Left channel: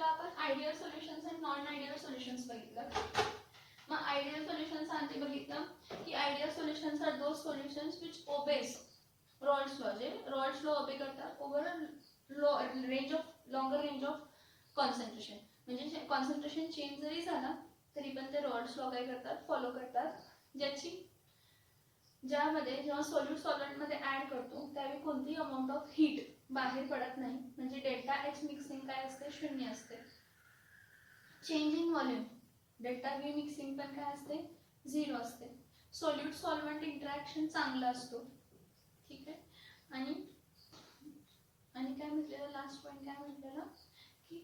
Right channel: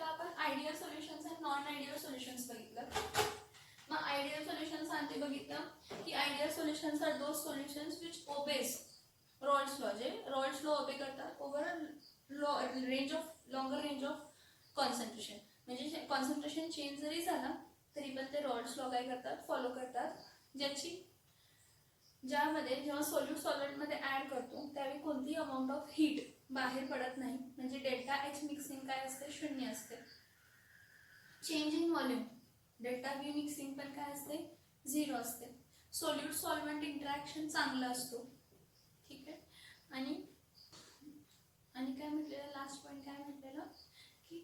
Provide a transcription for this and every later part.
लेक्चरला आपण ideal solutions आणि non ideal solutions बघितलं. मग आयडियल सोल्युशन्स आधी बघितलं की ideal solutions are those solutions which obeys Raoult's law, जे रॉल्स लॉ ओबे करतात over longer range of concentration. म्हणजे कॉन्सन्ट्रेशन चेंज जरी झाला तरी पण ते रॉल्स लॉ काय करतात, फॉलो करतात. ज्यामध्ये जेव्हा सोल्यूट सॉल्व्हेंटमध्ये ॲड करतो त्यावेळी कोणतीही अमाऊंट ऑफ हीट बाहेर पडत नाही. म्हणजे डेल्टा एच मिक्सिंग काय असते, 0 असते. Change in volume delta V mixing पण काय असते, 0 असते. सोल्यूट सॉल्व्हेंट इंटरॅक्शन चांगला असतो. ठीक आहे. आणि काय म्हटलेलं, लास्ट पॉईंट काय म्हटलेलं की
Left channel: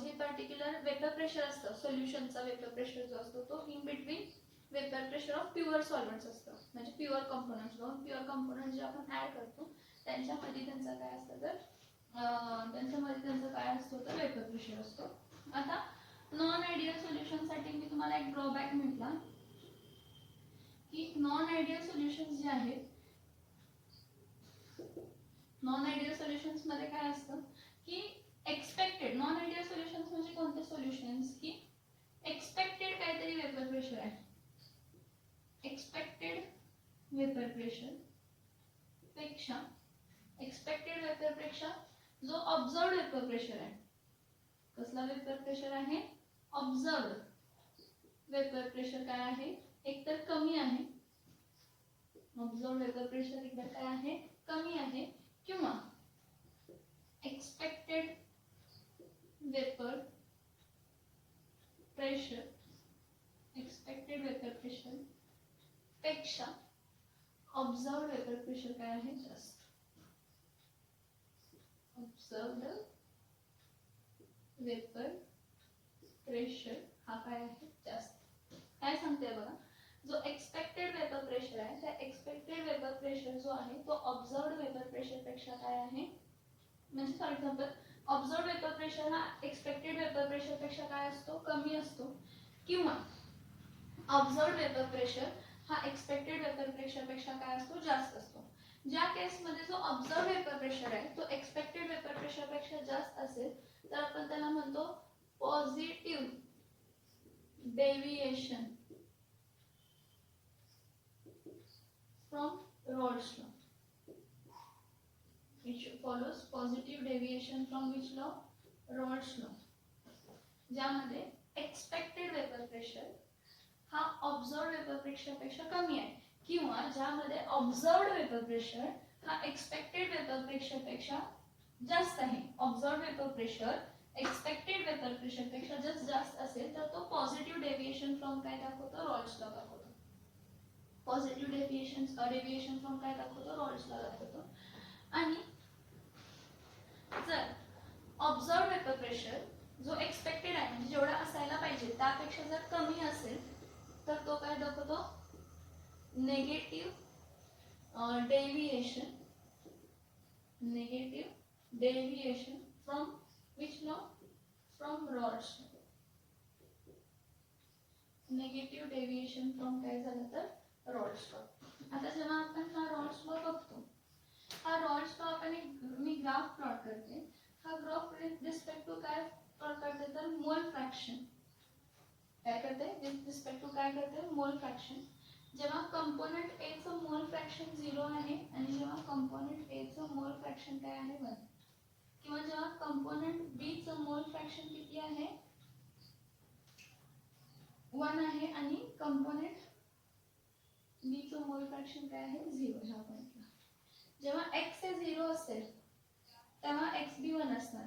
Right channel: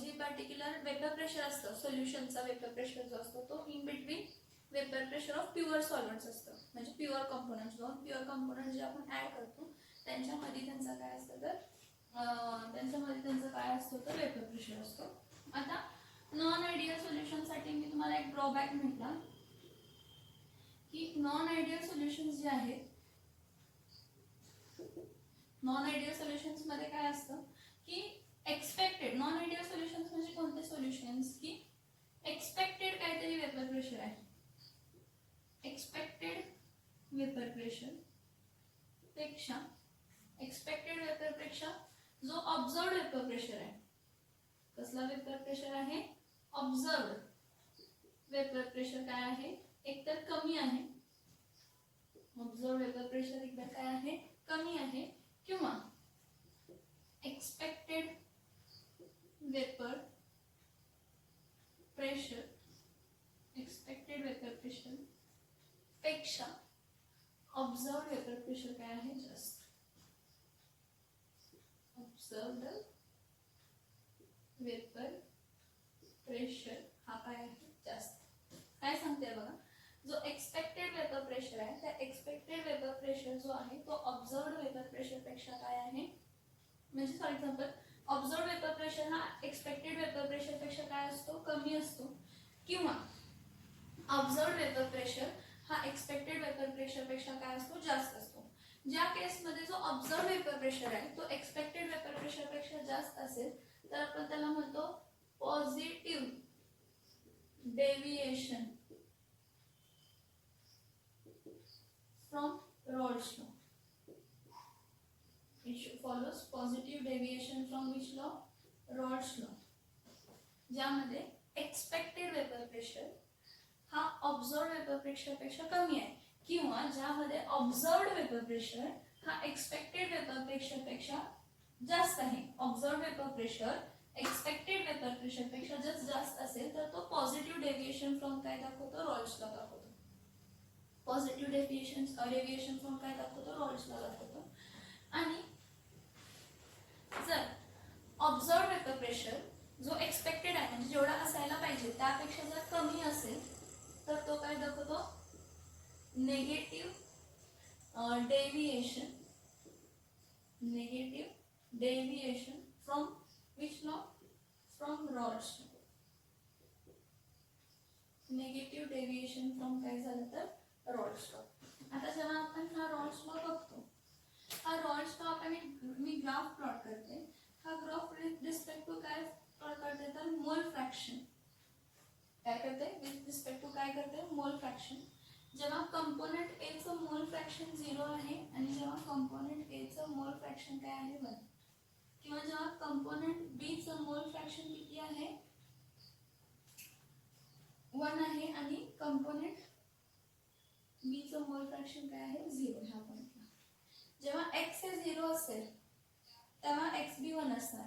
जे पर्टिक्युलर वेपर प्रेशर असतं सोल्युशनचा, वेपर प्रेशर जो असतो तो in between vapour pressure of pure solvents असतं. म्हणजे प्युअर कंपोनंट्स, दोन प्युअर कंपोनंट जे आपण ॲड करतो त्यांच्यामध्ये त्यांचा काय असतं तर काय असतो तर वेपर प्रेशर असतो. आता नॉन आयडियल सोल्युशनसाठी मी तुम्हाला एक ड्रॉबॅक म्हटला की नॉन आयडियल सोल्युशन्स जे आहेत, नॉन आयडियल सोल्युशन्स मध्ये काय असतं की एक्सपेक्टेड, नॉन आयडियल सोल्युशन्स म्हणजे कोणते सोल्युशन्स की एक्सपेक्टेड काहीतरी वेपर प्रेशर आहे, एक्सपेक्टेड वेपर प्रेशर पेक्षा जो ऑब्झर्व्ड वेपर प्रेशर आहे, कसला वेपर प्रेशर आहे, ऑब्झर्व्ड वेपर प्रेशर काय आहे, एकतर कमी आहे, ऑब्झर्व्ड वेपर प्रेशर एकतर काय आहे, कमी आहे, किंवा एक्सपेक्टेड वेपर प्रेशर पेक्षा ऑब्झर्व्ड वेपर प्रेशर काय आहे, जास्त. ऑब्झर्व्ड वेपर प्रेशर हा काय आहे, जास्त. काय सांगते बघा, जो एक्सपेक्टेड वेपर प्रेशर आहे त्या एक्सपेक्टेड वेपर प्रेशर जो आहे तो ऑब्झर्व्ड वेपर प्रेशर पेक्षा काय आहे, म्हणजे फॉर एक्झाम्पल ऑब्झर्व्ड वेपर प्रेशर हा एक्सपेक्टेड वेपर प्रेशर पेक्षा काय असतो, कमी असतो, किंवा ऑब्झर्व्ड वेपर प्रेशर हा एक्सपेक्टेड वेपर प्रेशर पेक्षा काय असतो, जास्त असतो. ज्या केसमध्ये जो ऑब्झर्व्ड वेपर प्रेशर आहे तो एक्सपेक्टेड वेपर प्रेशर पेक्षा जास्त असेल तर आपण त्याला म्हणतो positive deviation from Raoult's law. which follows positive deviation from which law, Raoult's law. ज्यामध्ये एक्सपेक्टेड वेपर प्रेशर हा ऑब्झर्व्ड वेपर प्रेशर पेक्षा कमी आहे, किंवा ज्यामध्ये ऑब्झर्व्ड वेपर प्रेशर हा एक्सपेक्टेड वेपर प्रेशर पेक्षा जास्त आहे. Observed vapour pressure expected vapour pressure पेक्षा जर जास्त असेल तर तो पॉझिटिव्ह डेविएशन फ्रॉम काय दाखवतो, रॉल्स लॉ दाखवतो. पॉझिटिव्ह डेविएशन फ्रॉम काय दाखवतो, रॉल्स लॉ दाखवतो. आणि जर ऑब्झर्व्ड वेपर प्रेशर जो एक्सपेक्टेड आहे म्हणजे जेवढा असायला पाहिजे त्यापेक्षा जर कमी असेल तर तो काय दाखवतो, negative deviation from which law, from Raoult's law. Negative deviation from काय झालं तर रॉल्स लॉ. आता जेव्हा आपण हा रॉल्स लॉ बघतो, हा रॉल्स लॉ आपण मी ग्राफ प्लॉट करते. हा ग्राफ विथ रिस्पेक्ट टू काय प्लॉट करते तर मोल फ्रॅक्शन. काय करते विथ रिस्पेक्ट टू काय करते, मोल फ्रॅक्शन. जेव्हा कंपोनेंट ए चं मोल फ्रॅक्शन 0 आहे आणि जेव्हा कंपोनेंट ए चं मोल फ्रॅक्शन काय आहे 1, किंवा जेव्हा कंपोनेंट बी चं मोल फ्रॅक्शन किती आहे 1 आहे आणि कंपोनेंट बी चं मोल फ्रॅक्शन काय आहे 0 ह्या पॉइंटला. जेव्हा x हे 0 असेल तेव्हा xb 1 असणार.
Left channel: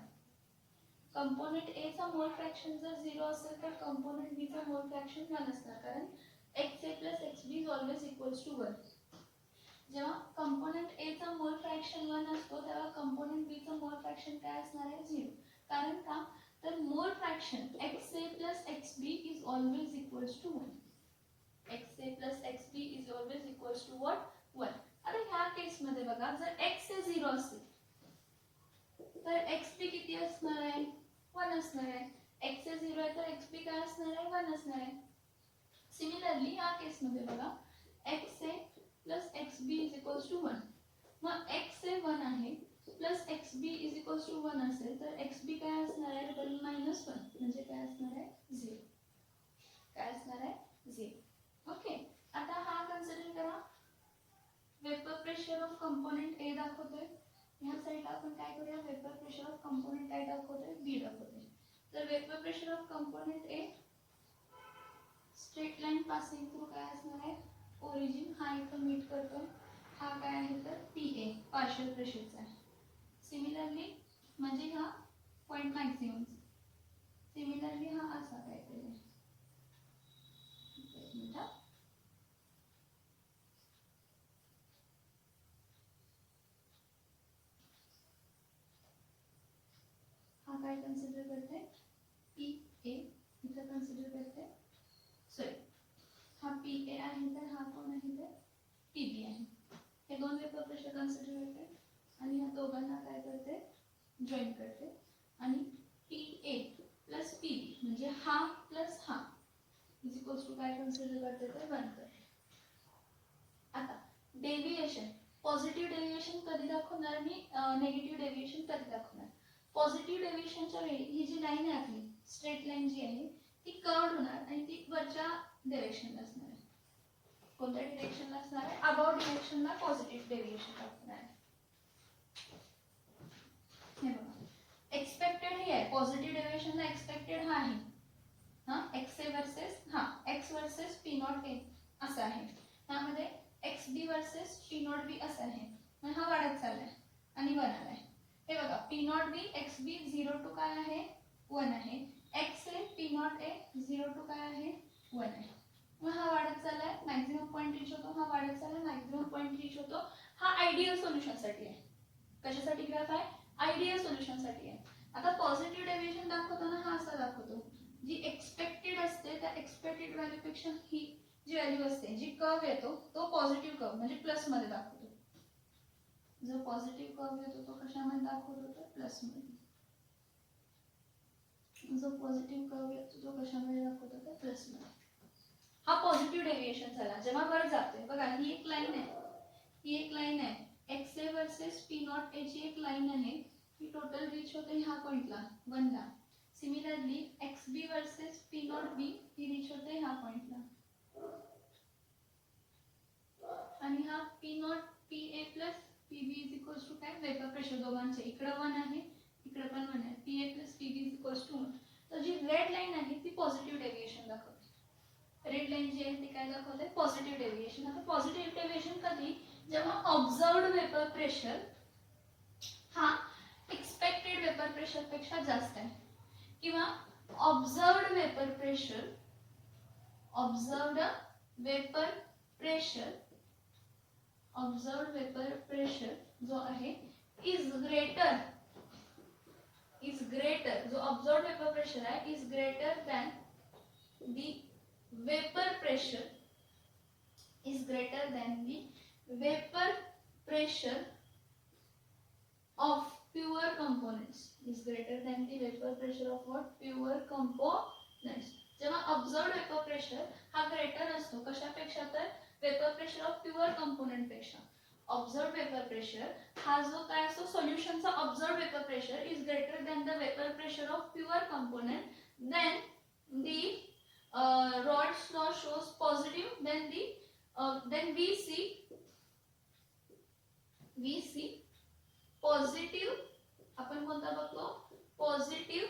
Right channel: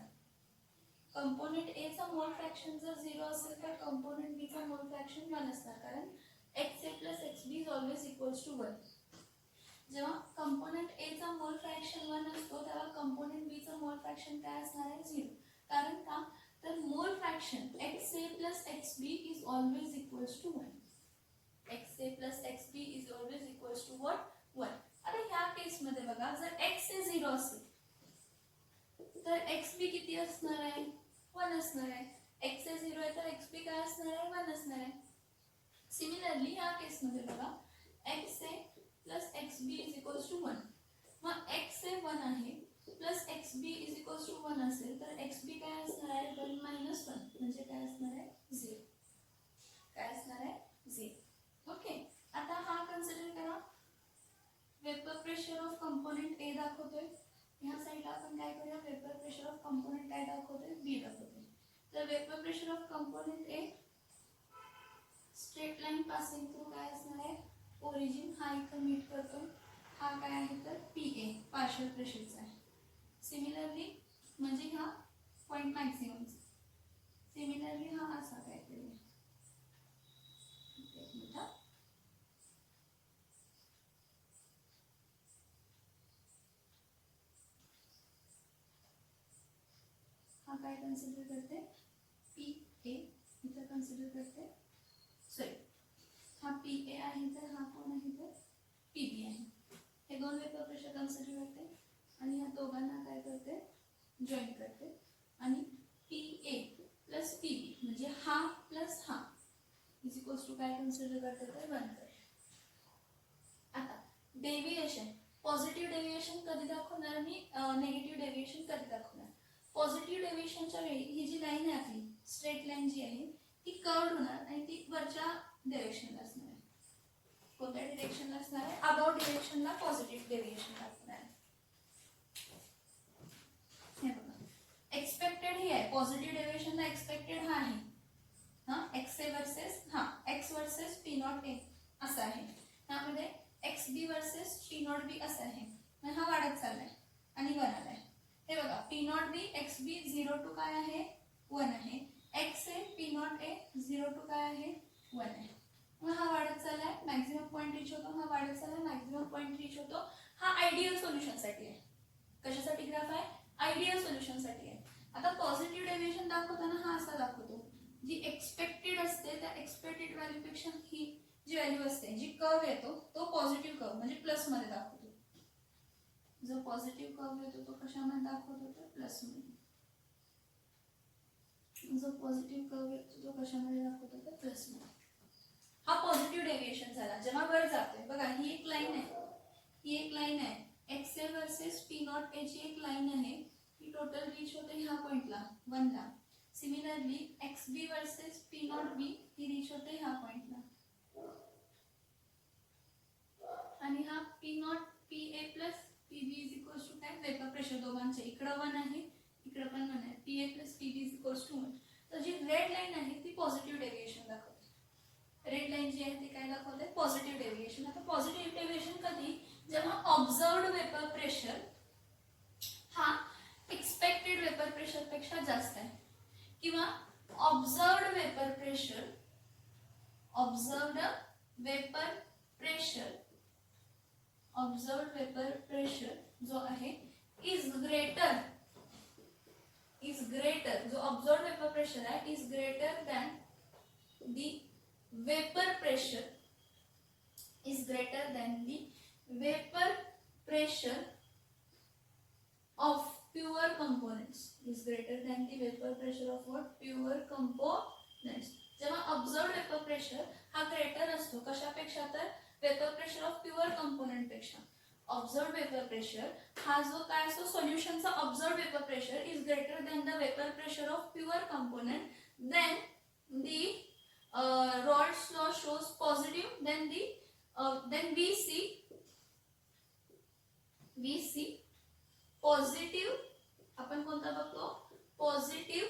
कंपोनेंट ए चा मोल फ्रॅक्शन जर 0 असेल तर कंपोनेंट बी चा मोल फ्रॅक्शन 1 असणार, कारण xa plus xb is always equals to 1. जेव्हा कंपोनेंट ए चा मोल फ्रॅक्शन 1 असतो तेव्हा कंपोनेंट बी चा मोल फ्रॅक्शन काय असणार आहे 0. कारण का तर मोल fraction xa plus xb is always equals to 1. xa plus xb is always equals to what, 1. आता ह्या केस मध्ये बघा, जर x हे 0 असेल तर xb किती असणार आहे 1 असणार आहे. x हे 0 आहे तर xb काय असणार आहे 1 असणार आहे. सिमिलरली या केस मध्ये बघा, xa plus xb is equals to 1. मग x हे 1 आहे plus xb is equals equals to 1 असेल तर एक्स बी काय असणार आहे 1 मायनस 1 म्हणजे काय असणार आहे 0. काय असणार आहे 0. ओके. आता हा कन्सिडर करा वेपर प्रेशर ऑफ कंपोनेंट ए दाखवतोय. ह्या साईडला आपण काय करूया वेपर प्रेशर ऑफ कंपोनेंट काय दाखवतोय बी दाखवतोय. तर vapour pressure of component a straight line passing through काय असणार आहे ओरिजिन हा इथं मीट करतोय. हा काय आहे तर पी ए पार्शियल प्रेशरचा आहे. सिमिलरली म्हणजे हा पॉईंट मॅक्सिममचा. सिमिलरली हा असा काहीतरी आहे. एक मिनिट हा काय कन्सिडर करते पी ए इथं कन्सिडर करते सॉरी हा पी ए आहे तर हा कोण आहे तर पी बी आहे. हे दोन वेपर प्रेशर कन्सिडर करते आणि ह्या दोघांना काय करते जॉईन करते आणि पी ए प्लस पी बी म्हणजे हा प्लस हा इज इक्वल्स टू काय कन्सिडर करते तर 1 करते. आता डेव्हिएशन पॉझिटिव्ह डेव्हिएशन कधी दाखवणार आणि नेगेटिव्ह डेव्हिएशन कधी दाखवणार. पॉझिटिव्ह डेव्हिएशनच्या वेळी ही जी लाईन आहे आपली स्ट्रेट लाईन जी आहे ती कर्व्ड होणार आणि ती वरच्या डायरेक्शनला असणार आहे. कोणत्या डिरेक्शनला असणार आहे अबाउट डिरेक्शनला पॉझिटिव्ह डेव्हिएशन दाखवणार आहे. हे बघा एक्सपेक्टेड हे आहे पॉझिटिव्ह डेव्हिएशनला एक्सपेक्टेड हा आहे हा एक्स ए वर्सेस हा X versus P not A असं आहे. त्यामध्ये X B versus P not B असं आहे. मग हा वाढत चाललाय आणि 1 आलाय. हे बघा P not B X B 0 to काय आहे 1 आहे. X A P not A 0 to काय आहे 1 आहे. मग हा वाढत चाललाय मॅक्झिमम पॉईंट रीच होतो. हा वाढत चाललाय मॅक्झिमम पॉईंट रीच होतो. हा आयडियल सोल्युशनसाठी आहे. कशासाठी ग्राफ आहे आयडियल सोल्युशनसाठी आहे. आता पॉझिटिव्ह डेव्हिएशन दाखवताना हा असा दाखवतो जी एक्सपेक्टेड असते त्या एक्सपेक्टेड व्हॅल्यूपेक्षा ही जी व्हॅल्यू असते जी कर्व येतो तो पॉझिटिव्ह कर्व म्हणजे प्लस मध्ये दाखवतो. जो पॉझिटिव्ह कर्व येतो तो कशामध्ये दाखवतो तर प्लस मध्ये. जो पॉझिटिव्ह कर्व येतो तो कशामध्ये दाखवतो तर प्लस मध्ये. हा पॉझिटिव्ह डेव्हिएशन झाला जेव्हा वर जातोय. बघा ही एक लाईन आहे ही एक लाईन आहे X A versus P not a ची एक लाईन आहे ही टोटल रीच होते ह्या पॉइंटला 1 ला. Similarly X B versus P not B ही रीच होते ह्या पॉइंटला आणि हा P not P A plus P B is equals to काय वेपर प्रेशर दोघांचे इकडं 1 आहे इकडे पण 1 आहे. पी ए plus P B is equals to 1. तर जी रेड लाईन आहे ती पॉझिटिव्ह डेव्हिएशन दाखवते. रेड लाईन जी आहे ती काय दाखवते पॉझिटिव्ह डेव्हिएशन. आता पॉझिटिव्ह डेव्हिएशन कधी जेव्हा ऑब्झर्व्ड वेपर प्रेशर हा एक्सपेक्टेड वेपर प्रेशर पेक्षा जास्त आहे किंवा ऑब्झर्व्ड वेपर प्रेशर जो आहे इज ग्रेटर जो ऑब्झर्व्ड वेपर प्रेशर आहे is greater than the vapor pressure of pure components is greater than the vapor pressure of what pure components. जेव्हा observed vapor pressure हा greater असतो कशापेक्षा तर vapor pressure of pure component पेक्षा. observed vapor pressure हा जो काय असतो सोल्युशनचा observed vapor pressure is greater than the vapor pressure of pure component. then the Raoult's law shows positive. Then we see positive आपण कोणता बघतो positive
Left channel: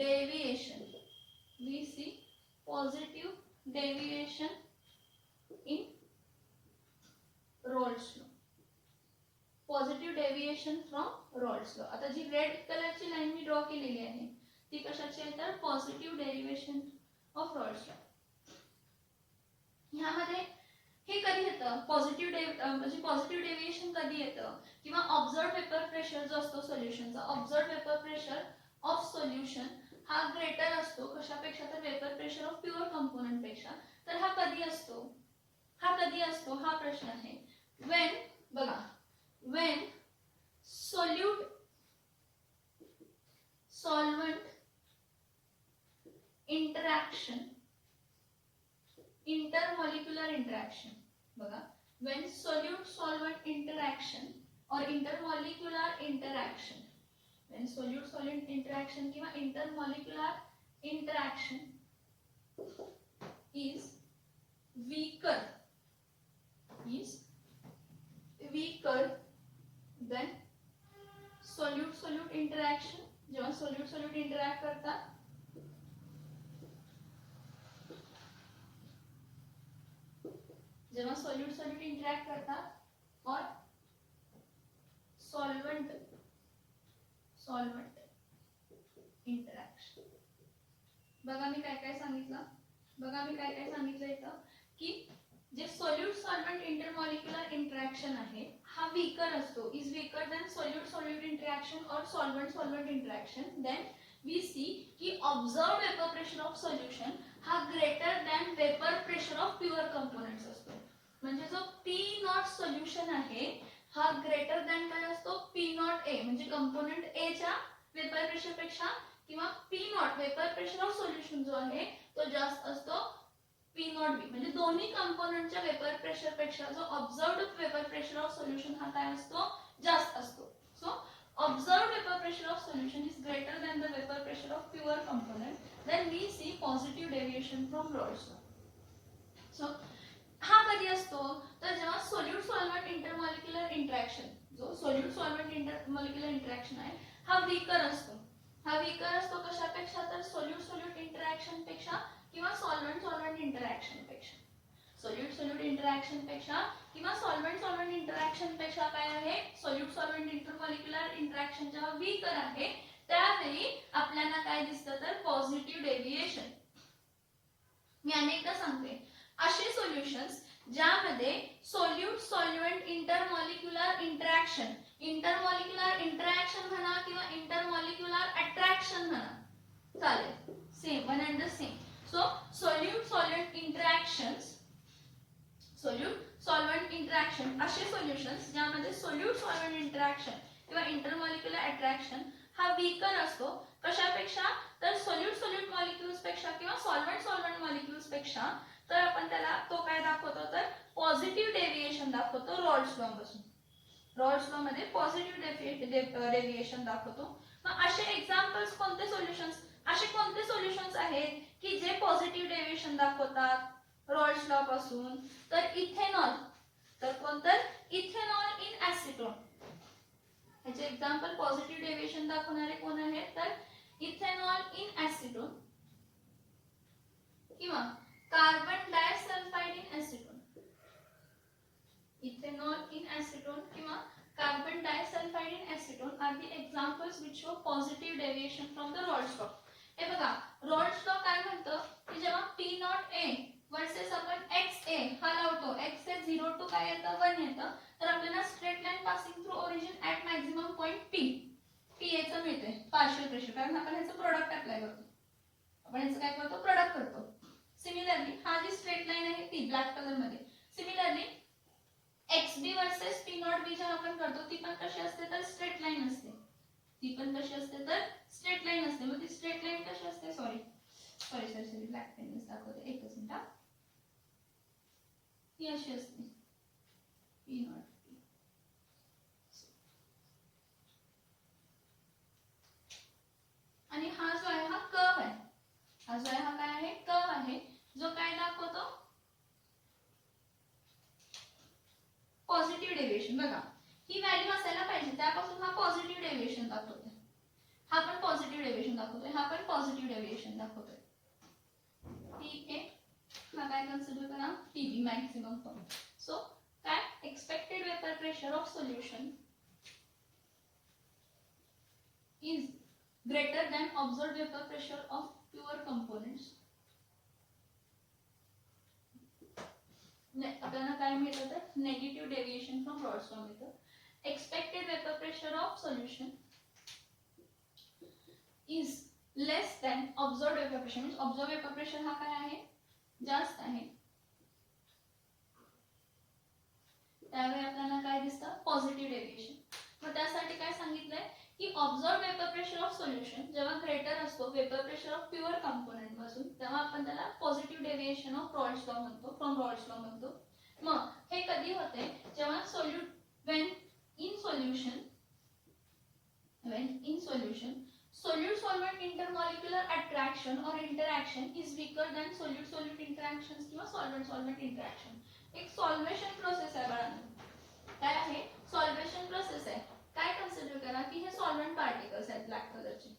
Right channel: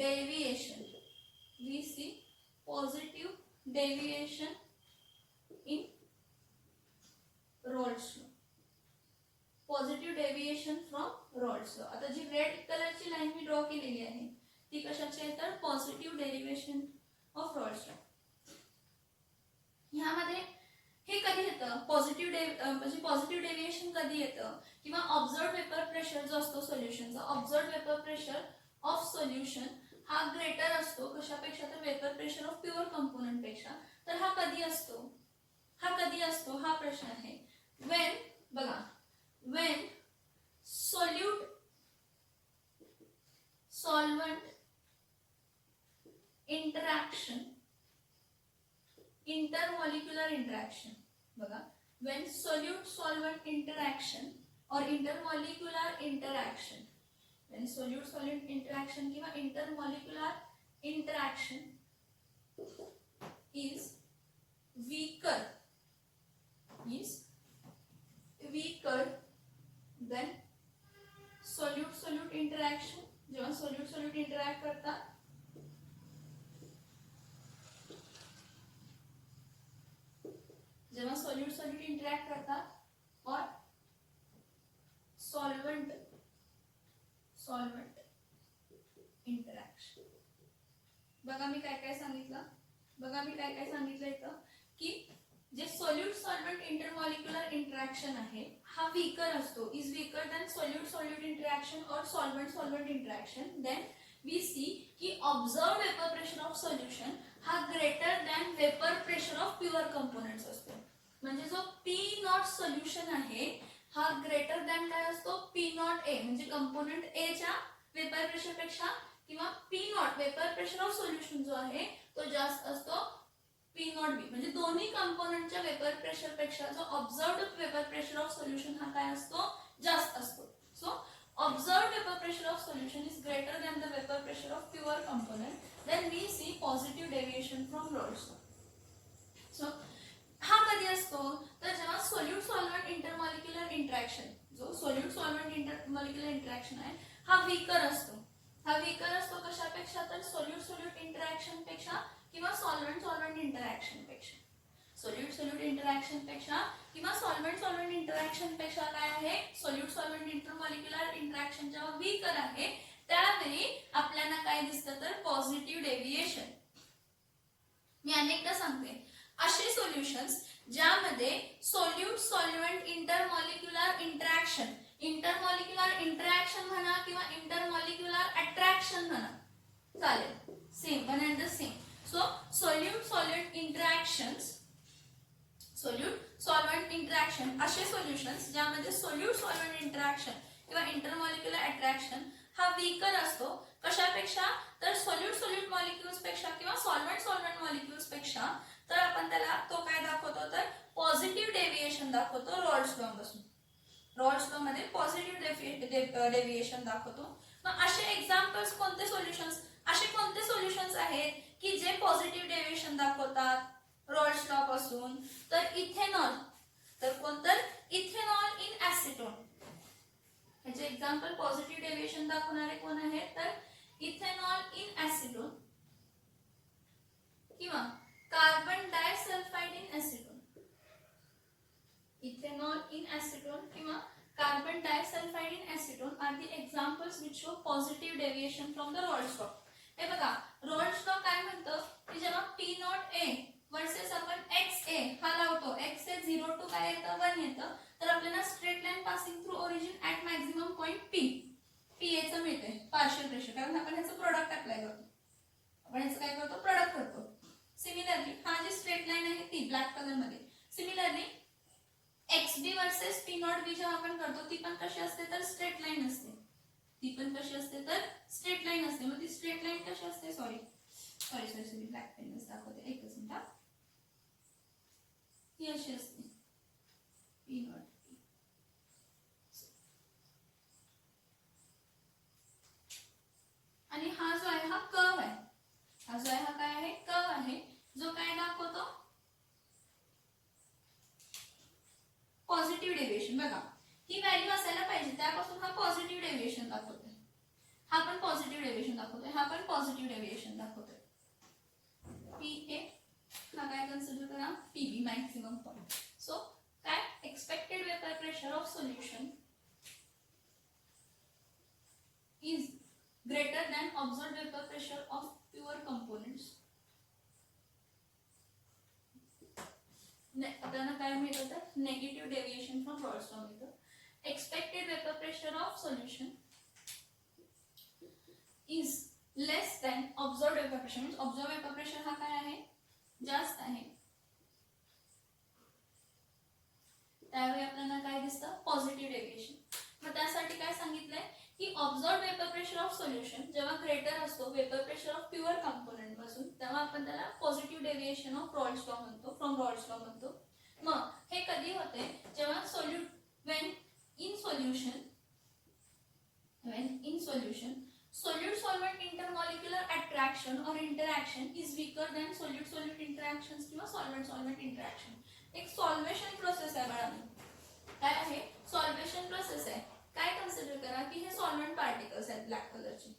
deviation. we see positive deviation in Raoult's law. Positive deviation from Raoult's law. आता जी red कलरची line मी draw केलेली आहे ती कशाची आहे तर positive derivation of Raoult's law. ह्यामध्ये हे कधी येतं म्हणजे पॉझिटिव्ह डेव्हिएशन कधी येतं किंवा ऑब्झर्व्ड वेपर प्रेशर जो असतो सोल्युशनचा ऑब्झर्व्ड वेपर प्रेशर ऑफ सोल्युशन हा ग्रेटर असतो कशापेक्षा तर vapour pressure of pure component पेक्षा. तर हा कधी असतो हा प्रश्न आहे. व्हेन बघा when solvent interaction intermolecular interaction बघा when solute solvent interaction or intermolecular interaction when solute solute interaction किंवा intermolecular interaction is weaker than solute solute interaction. जेव्हा solute solute interact करतात और solvent interaction. बघा मी काय काय सांगितलं इथं की जे सोल्यूट सॉल्व्हेंट इंटरमॉलिक्युलर इंटरॅक्शन आहे हा वीकर असतो, is weaker than solute solute interaction और solvent solvent interaction. Then we see की observed vapour pressure of solution हा greater than vapour pressure of pure components असतो. म्हणजे जो पी नॉट सोल्युशन आहे हा ग्रेटर दॅन काय असतो, पी नॉट ए म्हणजे कंपोनेंट ए च्या वेपर प्रेशर पेक्षा किंवा P not vapour pressure of solution जो आहे तो जास्त असतो पी नॉट बी. म्हणजे दोन्ही कंपोनेंटच्या वेपर प्रेशर पेक्षा जो observed vapour pressure of solution हा काय असतो, जास्त असतो. So observed vapour pressure of solution is greater than the vapour pressure of pure component. Then we see positive deviation from Raoult's law. So हा कधी असतो तर जेव्हा सोल्यूट सॉल्व्हेंट इंटरमॉलिक्युलर इंटरॅक्शन, जो सोल्यूट सॉल्व्हेंट इंटरमॉलिक्युलर इंटरॅक्शन आहे हा weaker असतो. कशापेक्षा तर सोल्यूट सोल्यूट इंटरॅक्शन पेक्षा किंवा सॉल्व्हेंट सॉल्व्हेंट इंटरॅक्शन पेक्षा. सोल्यूट सोल्यूट इंटरॅक्शन पेक्षा किंवा सॉल्व्हेंट सॉल्व्हेंट इंटरॅक्शन पेक्षा काय आहे, सोल्यूट सॉल्व्हेंट इंटरमॉलिक्युलर इंटरॅक्शन जेव्हा वीकर आहे त्यावेळी आपल्याला काय दिसतं तर पॉझिटिव्ह डेव्हिएशन. मी अनेकदा सांगते असे सोल्युशन्स ज्यामध्ये सोल्यूट सॉल्व्हेंट इंटरमॉलिक्युलर इंटरॅक्शन म्हणा किंवा इंटरमॉलिक्युलर अट्रॅक्शन म्हणा चालेल, same one and the same. So solute solvent interaction असे सोल्युशन्स ज्यामध्ये सोल्यूट सॉल्व्हेंट इंटरॅक्शन किंवा इंटरमॉलिक्युलर अट्रॅक्शन हा वीकर असतो. कशापेक्षा तर सोल्यूट सोल्यूट मॉलिक्युल्स पेक्षा किंवा सॉल्व्हेंट सॉल्व्हेंट मॉलिक्युल्स पेक्षा. तर आपण त्याला तो काय दाखवतो तर पॉझिटिव्ह डेव्हिएशन दाखवतो रॉल्स लॉ पासून. रॉल्स लॉ मध्ये पॉझिटिव्ह डेव्हिएशन दाखवतो. मग असे एक्झाम्पल्स कोणते सोल्युशन्स आहेत की जे पॉझिटिव्ह डेव्हिएशन दाखवतात रॉल्स लॉ पासून. तर इथेनॉल, तर कोणतं इथेनॉल इन ऍसिटोन. ह्याचे एक्झाम्पल पॉझिटिव्ह डेव्हिएशन दाखवणारे कोण आहेत तर इथेनॉल इन ऍसिटोन किंवा carbon disulphide in acetone. Ethanol in acetone किंवा carbon disulphide in acetone are the examples which show positive deviation from the Raoult's law. हे बघा रॉल्स लॉ काय म्हणतं की जेव्हा पी नॉट ए वर्सेस आपण X A हा लावतो, एक्स ए 0 टू काय येतं 1 येतं, तर आपल्याला straight line passing through origin at maximum point P एचं मिळते पार्शियल प्रेशर. कारण आपण ह्याचं प्रोडक्ट अप्लाय करतो, आपण ह्याचं काय करतो प्रोडक्ट करतो. सिमिलरली हा जी स्ट्रेट लाईन आहे ती ब्लॅक कलर मध्ये, similarly X B versus P not B जेव्हा आपण करतो ती पण कशी असते तर स्ट्रेट लाईन असते. मग ती स्ट्रेट लाईन कशी असते, सॉरी ब्लॅक पेन दाखवते एकच मिनिट. ती अशी असते पी नॉट आणि हा जो आहे हा कर्व आहे. हा काय आहे कर्व आहे जो काय दाखवतो पॉझिटिव्ह डेव्हिएशन. बघा ही व्हॅल्यू असायला पाहिजे त्यापासून हा पॉझिटिव्ह डेव्हिएशन दाखवतोय, हा पण पॉझिटिव्ह डेव्हिएशन दाखवतोय. टी ए हा काय कन्सिडर करा टीबी मॅक्सिमम पॉइंट. सो काय expected vapour pressure of solution is greater than observed vapour pressure of pure components. आपल्याला काय मिळतं तर negative deviation from Raoult's law मिळतं. Expected vapour pressure of solution is less than observed vapour pressure. म्हणजे observed vapour pressure हा काय आहे जास्त आहे, त्यावेळी आपल्याला काय दिसतं पॉझिटिव्ह डेव्हिएशन. मग त्यासाठी काय सांगितलंय की observed vapour pressure of solution जेव्हा ग्रेटर असतो vapour pressure of pure component पासून तेव्हा आपण त्याला positive deviation of Rawls law म्हणतो, फ्रॉम रॉल्स लॉ म्हणतो. मग हे कधी when in solution, solute solvent intermolecular attraction or interaction is weaker than solute solute interactions किंवा solvent solvent interaction. एक सॉल्वेशन प्रोसेस आहे बाळांनो. काय आहे? सॉल्वेशन प्रोसेस आहे. काय कन्सिडर करा की हे सॉल्व्हेंट पार्टिकल्स आहेत ब्लॅक कलरचे.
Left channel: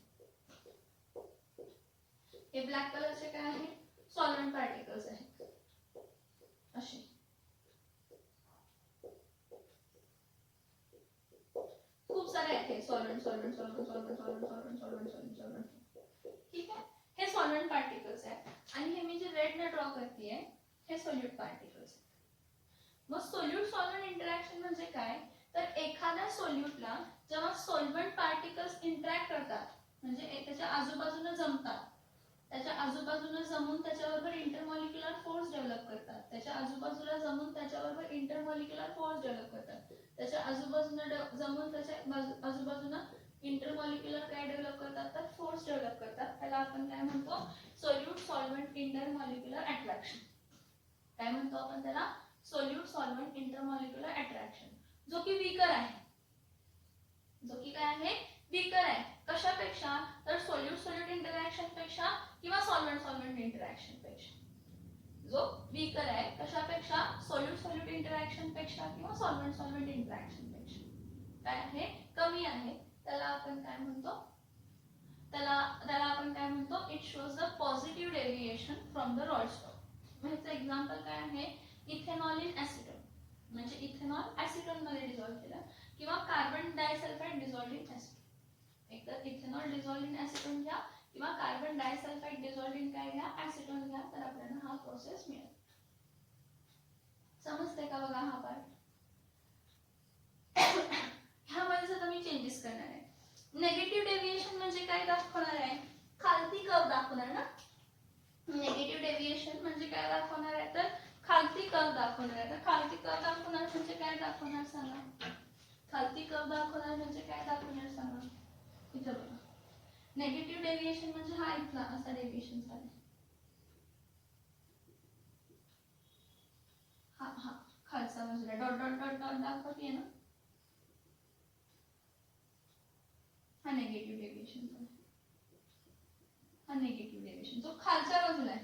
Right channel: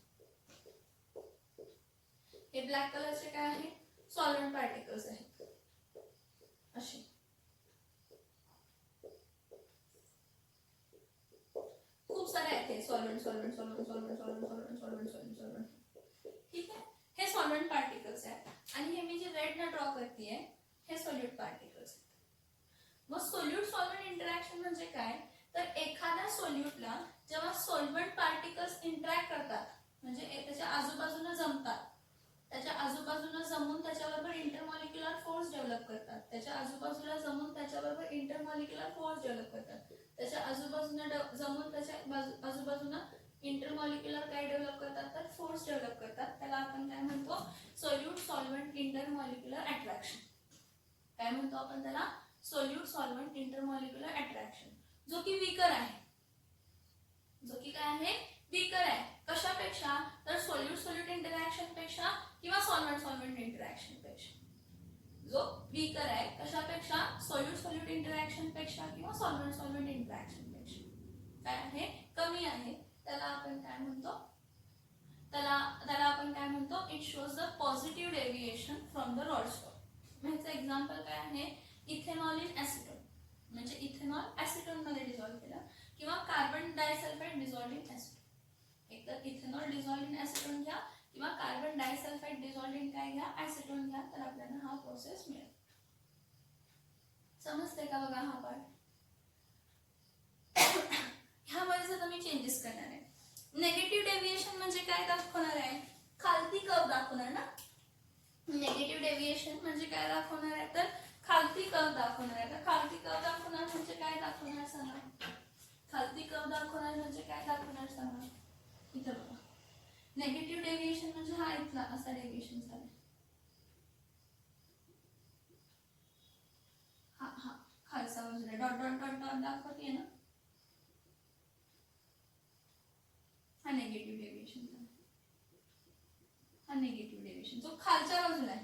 हे ब्लॅक कलरचे काय आहे? सॉल्व्हेंट पार्टिकल्स आहेत असे. खूप सारे आहेत solvent solvent solvent solvent solvent solvent solvent solvent solvent. ठीक आहे. हे सॉल्व्हेंट पार्टिकल्स आहेत आणि हे मी जे रेड न ड्रॉ करतेय हे सोल्यूट पार्टिकल्स आहेत. मग सोल्यूट सॉल्व्हेंट इंटरॅक्शन म्हणजे काय? तर एखाद्या सोल्यूटला जेव्हा सॉल्व्हेंट पार्टिकल्स इंटरॅक्ट करतात म्हणजे त्याच्या आजूबाजूला जमतात, त्याच्या आजूबाजूला जमून त्याच्याबरोबर इंटरमॉलिक्युलर फोर्स डेव्हलप करतात, त्याच्या आजूबाजूला जमून त्याच्याबरोबर इंटरमॉलिक्युलर फोर्स डेव्हलप करतात, त्याच्या आजूबाजूला जमून त्याच्या आजूबाजूला इंटरमॉलिक्युलर काय डेव्हलप करतात तर फोर्स डेव्हलप करतात. त्याला आपण काय म्हणतो? Solute solvent intermolecular attraction. काय म्हणतो आपण त्याला? सोल्यूट सॉल्व्हेंट इंटरमॉलिक्युलर अट्रॅक्शन, जो की वीकर आहे. जो की काय आहे? वीकर आहे. कशापेक्षा? तर सोल्यूट सोल्यूट इंटरॅक्शन पेक्षा किंवा सॉल्व्हेंट सॉल्व्हेंट इंटरॅक्शन पेक्षा. जो वीकर आहे कशापेक्षा? सोल्यूट सोल्यूट इंटरॅक्शन पेक्षा किंवा सॉल्व्हेंट सॉल्व्हेंट इंटरॅक्शन पेक्षा काय आहे? कमी आहे. त्याला आपण काय म्हणतो? त्याला आपण काय म्हणतो? It shows the positive deviation from the रॉल्स्टॉक. ह्याचं एक्झाम्पल काय आहे? इथेनॉल इन ऍसिटोन, म्हणजे इथेनॉल ऍसिटोन मध्ये डिझॉल्व्ह केलं किंवा कार्बन डायसल्फाइड डिझॉल्व्ह इन ऍसिटोन. एकतर इथेनॉल डिझॉल्व्ह इन ऍसिटोन घ्या किंवा कार्बन डायसल्फाइड डिझॉल्व्ह इन काय घ्या? ऍसिटोन घ्या, तर आपल्याला हा प्रोसेस मिळेल. समजते का? बघा हा पार्ट. ह्यामध्ये जर तुम्ही चेंजेस करणार आहे. नेगेटिव्ह डेव्हिएशन म्हणजे काय दाखवणार आहे? खालती कर्व दाखवणार ना. नेगेटिव्ह डेव्हिएशन म्हणजे काय दाखवणार आहे? तर खालती कर्व दाखवणार आहे. तर खालती कर्व दाखवणार म्हणजे काय दाखवणार सांगा? खालती कर्व दाखवणार म्हणजे काय दाखवणार सांगा? इथं बघा. नेगेटिव्ह डेव्हिएशन म्हणजे हा इथला असा डेव्हिएशन झाला. हा हा खालचा बाजूला डॉट डॉट डॉट डॉट दाखवते ना. हा निगेटिव्ह डेव्हिएशन झाला. हा निगेटिव्ह डेव्हिएशन जो खालच्या बाजूला आहे,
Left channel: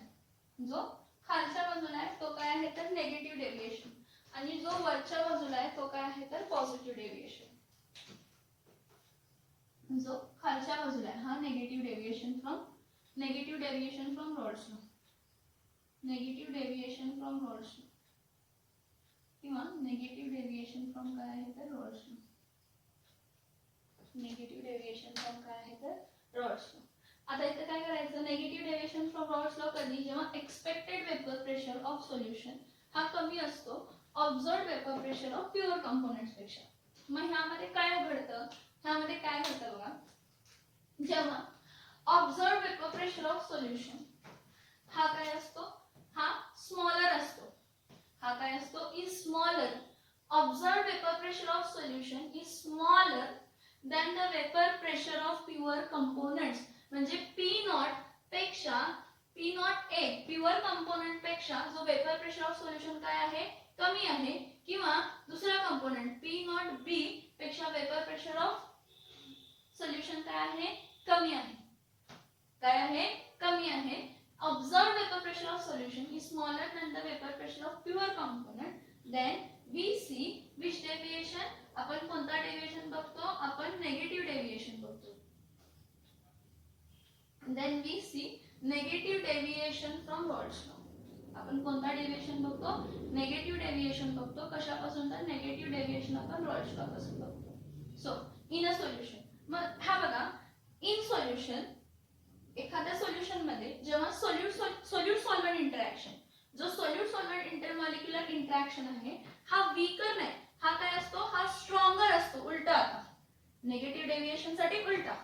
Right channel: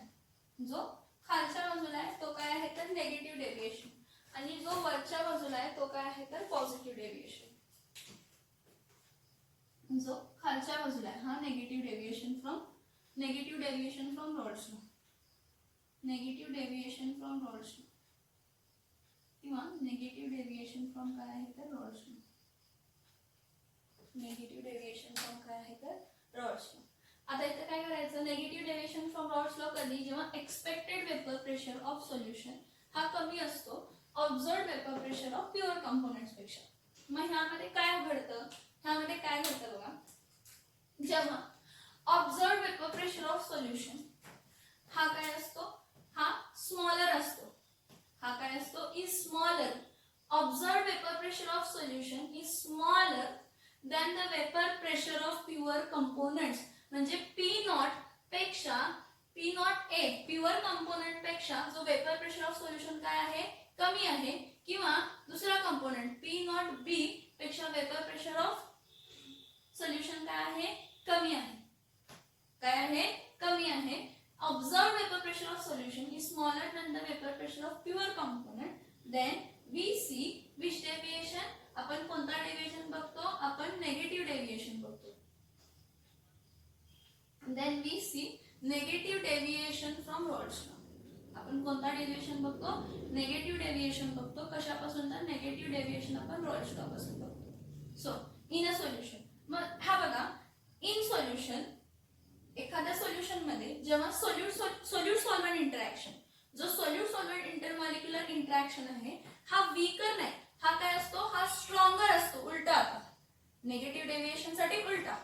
जो खालच्या बाजूला आहे तो काय आहे? तर नेगेटिव्ह डेव्हिएशन. आणि जो वरच्या बाजूला आहे तो काय आहे? तर पॉझिटिव्ह डेव्हिएशन. जो खालच्या बाजूला आहे हा negative deviation from Raoult's law. Negative deviation from Raoult's law किंवा नेगेटिव्ह डेव्हिएशन फ्रॉम काय आहे? तर Raoult's law. Negative deviation from काय आहे? तर रॉल्स लॉ. आता इथे काय करायचं? Negative deviation from Raoult's law कधी? जेव्हा expected vapour pressure of solution हा कमी असतो observed vapour pressure of pure components पेक्षा. मग ह्यामध्ये काय घडतं? ह्यामध्ये काय घडतं बघा. जेव्हा observed vapour pressure of solution हा काय असतो? हा स्मॉलर असतो. हा काय असतो? Is smaller. Observed vapour pressure of solution is smaller than the vapour pressure of pure components. म्हणजे पी नॉट पेक्षा P not A pure component पेक्षा जो वेपर प्रेशर ऑफ सोल्युशन काय आहे? कमी आहे. किंवा दुसरा कंपोनेंट पी नॉट बी पेक्षा वेपर प्रेशर ऑफ सोल्युशन काय आहे? कमी आहे. काय आहे? कमी आहे. Observed vapour pressure of solution is smaller than the vapour pressure of pure component. Then we see which deviation. आपण कोणता डेव्हिएशन बघतो? आपण नेगेटिव्ह डेव्हिएशन बघतो. Then we see negative deviation from Raoult's law. आपण कोणता डेव्हिएशन बघतो? Negative deviation बघतो. कशापासून? तर नेगेटिव्ह डेव्हिएशन आपण रॉल्स लॉ पासून बघतो. So in a solution. मग हा बघा, इन सोल्युशन एखाद्या सोल्युशन मध्ये जेव्हा सोल्यूट सॉल्व्हेंट इंटरॅक्शन, जो सोल्यूट सॉल्व्हेंट इंटरमॉलिक्युलर इंटरॅक्शन आहे हा वीकर नाही, हा काय असतो? हा स्ट्रॉंगर असतो. उलटा आता नेगेटिव्ह डेव्हिएशन साठी उलटा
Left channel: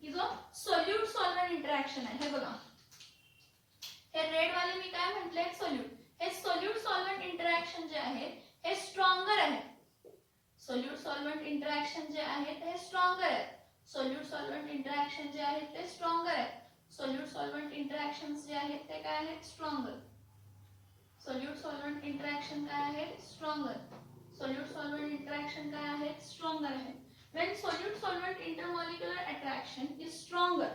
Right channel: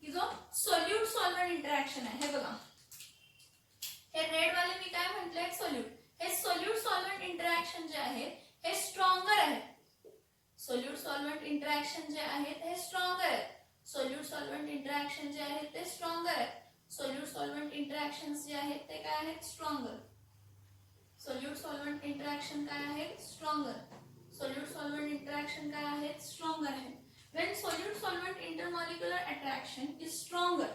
की जो सोल्यूट सॉल्व्हेंट इंटरॅक्शन आहे. हे बघा, हे रेड वाले मी काय म्हटले? सोल्यूट. हे सोल्यूट सॉल्व्हेंट इंटरॅक्शन जे आहे हे स्ट्रॉंगर आहे. सोल्यूट सॉल्व्हेंट इंटरॅक्शन जे आहे ते स्ट्रॉंगर आहे. सोल्यूट सॉल्व्हेंट इंटरॅक्शन जे आहे ते स्ट्रॉंगर आहे. सोल्यूट सॉल्व्हेंट इंटरॅक्शन्स जे आहेत ते काय आहेत? स्ट्रॉंगर. सोल्यूट सॉल्व्हेंट इंटरॅक्शन काय आहेत? स्ट्रॉंगर. सोल्यूट सॉल्व्हेंट इंटरॅक्शन काय आहेत? स्ट्रॉंगर आहे. When solute solvent intermolecular attraction is stronger,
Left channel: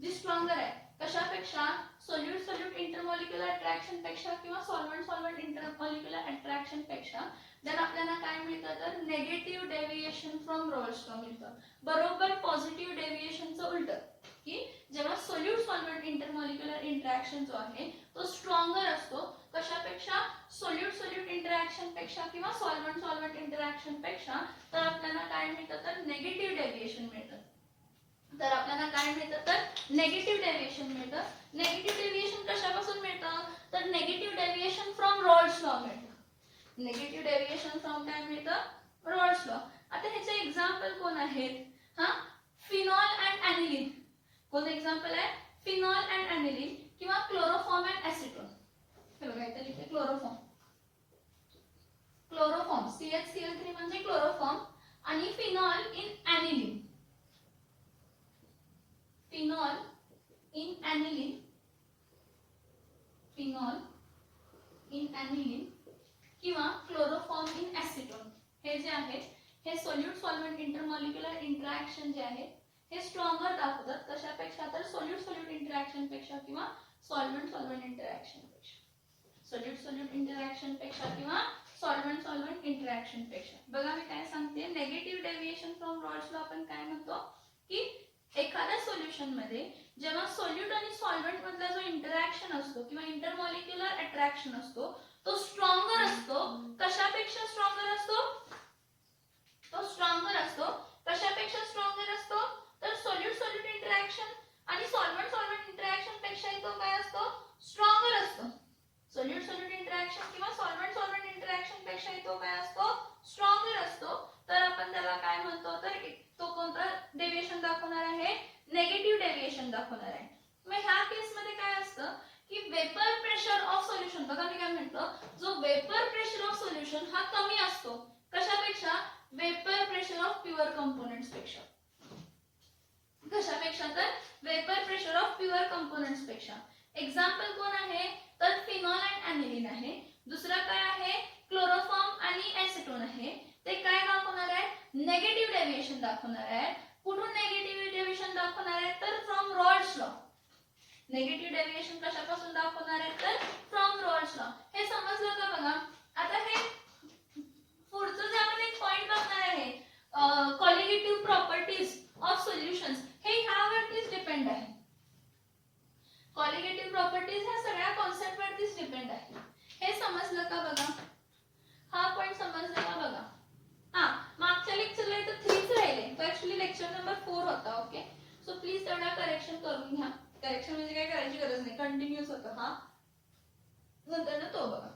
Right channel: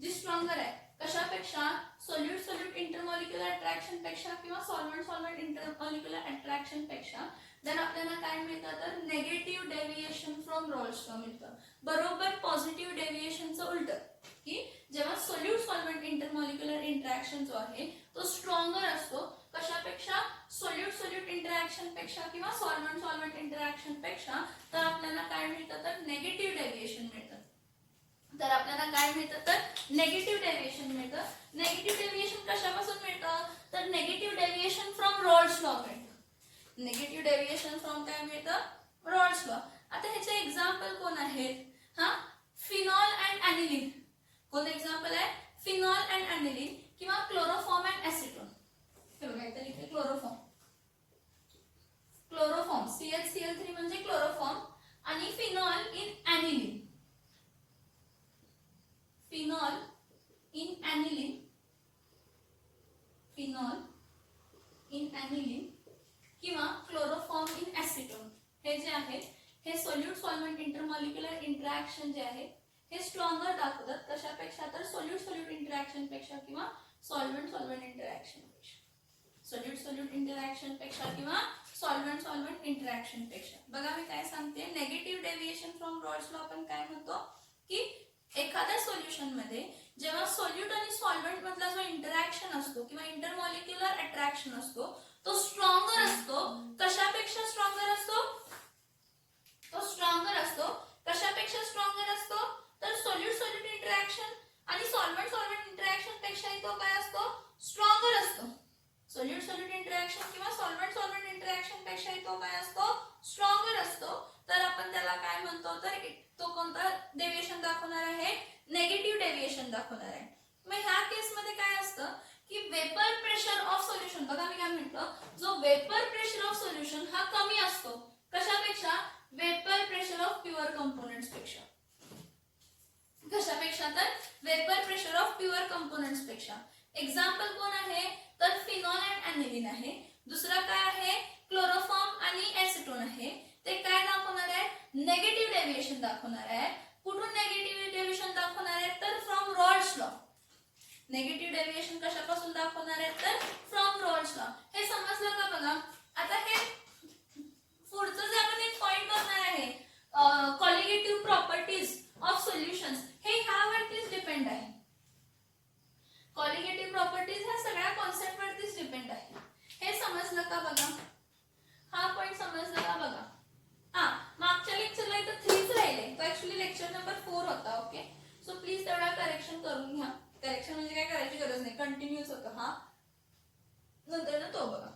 जी स्ट्रॉंगर आहे कशापेक्षा, सोल्यूट सोल्यूट इंटरमॉलिक्युलर अट्रॅक्शन पेक्षा किंवा सॉल्व्हेंट सॉल्व्हेंट इंटरमॉलिक्युलर अट्रॅक्शन पेक्षा, देन आपल्याला काय मिळतं तर negative deviation from Raoult's law मिळतं. बरोबर पॉझिटिव्ह डेव्हिएशनचं उलट, की जेव्हा सोल्यूट सॉल्व्हेंट इंटरमॉलिक्युलर इंटरॅक्शन जो आहे तो स्ट्रॉंगर असतो कशापेक्षा, सोल्यूट सोल्यूट इंटरॅक्शन पेक्षा किंवा सॉल्व्हेंट सॉल्व्हेंट इंटरॅक्शन पेक्षा, तर आपल्याला काय मिळतं तर नेगेटिव्ह डेव्हिएशन मिळतं. तर आपल्याला काय मिळतं तर नेगेटिव्ह डेव्हिएशन मिळतं. नेगेटिव्ह डेव्हिएशन कशापासून मिळतं तर negative deviation from Raoult's law मिळतं. नेगेटिव्ह डेव्हिएशन फ्रॉम काय मिळतं रॉल्स लॉ. आता ह्याचे एक्झाम्पल कोण आहेत, हा फिनॉल अँड ॲनिलीन. कोणतं एक्झाम्पल आहे, फिनॉल अँड ॲनिलीन किंवा क्लोरोफॉर्म अँड ॲसिटोन. हे बघा इथे लिहिते क्लोरोफॉर्म. क्लोरोफॉर्म CH3 म्हणजे क्लोरोफॉर्म आणि phenol in aniline. Phenol in aniline, phenol in aniline किंवा क्लोरोफॉर्म इन ॲसिटोन, हे जे आहे हे सोल्यूट सॉल्व्हेंट इंटरमॉलिक्युलर इंटरॅक्शन जे आहे हे स्ट्रॉंगर दाखवतात कशापेक्षा तर सोल्यूट सोल्यूट इंटरॅक्शन पेक्षा किंवा सॉल्व्हेंट सॉल्व्हेंट इंटरॅक्शन पेक्षा. सोल्यूट सोल्यूट इंटरॅक्शन पेक्षा किंवा सॉल्व्हेंट सॉल्व्हेंट इंटरॅक्शन पेक्षा. बघा मी काय सांगते, negative deviation from Raoult's law आपण काय म्हणतो की एखाद्या सोल्युशन मध्ये जेव्हा सोल्यूट आणि सॉल्व्हेंट मधला जो इंटरॅक्शन असतो किंवा इंटरमॉलिक्युलर अट्रॅक्शन असतो तो स्ट्रॉंगर असतो. कशापेक्षा स्ट्रॉंगर असतो, तो स्ट्रॉंगर असतो कशापेक्षा स्ट्रॉंगर असतो तर सोल्यूट सोल्यूट इंटरॅक्शन आणि सॉल्व्हेंट सॉल्व्हेंट इंटरॅक्शन पेक्षाही तो काय असतो स्ट्रॉंगर असतो. सोल्यूट सोल्यूट इंटरॅक्शन किंवा सॉल्व्हेंट सॉल्व्हेंट इंटरॅक्शन पेक्षाही तो काय असतो स्ट्रॉंगर असतो. तर आपण त्याला काय म्हणतो तर तो कोणता डेव्हिएशन दाखवणार आहे, नेगेटिव्ह डेव्हिएशन दाखवणार आहे. मग ह्या केस मध्ये काय असतं की वेपर प्रेशर ऑफ सोल्युशन, बघा मी काय म्हणतो, जो वेपर प्रेशर ऑफ सोल्युशन हा कमी असतो कशापेक्षा, vapour pressure of pure components पेक्षा. कशापेक्षा तर vapour pressure of pure components पेक्षा. एक्झाम्पल कोण आहे तर फिनॉल अँड ॲनिलीन आहे. दुसरा काय आहे क्लोरोफॉर्म आणि ॲसिटोन आहे. ते काय दाखवणार आहे, नेगेटिव्ह डेव्हिएशन दाखवणार आहे. कुठून नेगेटिव्ह डेव्हिएशन दाखवणार आहे तर from Raoult's law. Negative deviation कशापासून दाखवणार आहे तर फ्रॉम रॉल्स लॉ. हे समजलं का बघा. आता हे पुढचं जे आपण एक पॉइंट बघणार आहे कॉलिगेटिव्ह प्रॉपर्टीज ऑफ सोल्युशन्स, हे ह्यावरतीच डिपेंड आहे. कॉलिगेटिव्ह प्रॉपर्टीज ह्या सगळ्या कॉन्सेप्ट वरतीच डिपेंड आहे. हे समजलं का बघा, हा पॉइंट समजला का बघा. हा मागच्या लेक्चरला इथं 3 राहिले, तो ऍक्च्युअली लेक्चर नंबर 4 होता. ओके, सो प्लीज तेवढा करेक्शन करून घ्या. करेक्शन म्हणजे काय करायची गरज नाही, कंटिन्यूस होतं. हा नंतर ना तो बघा.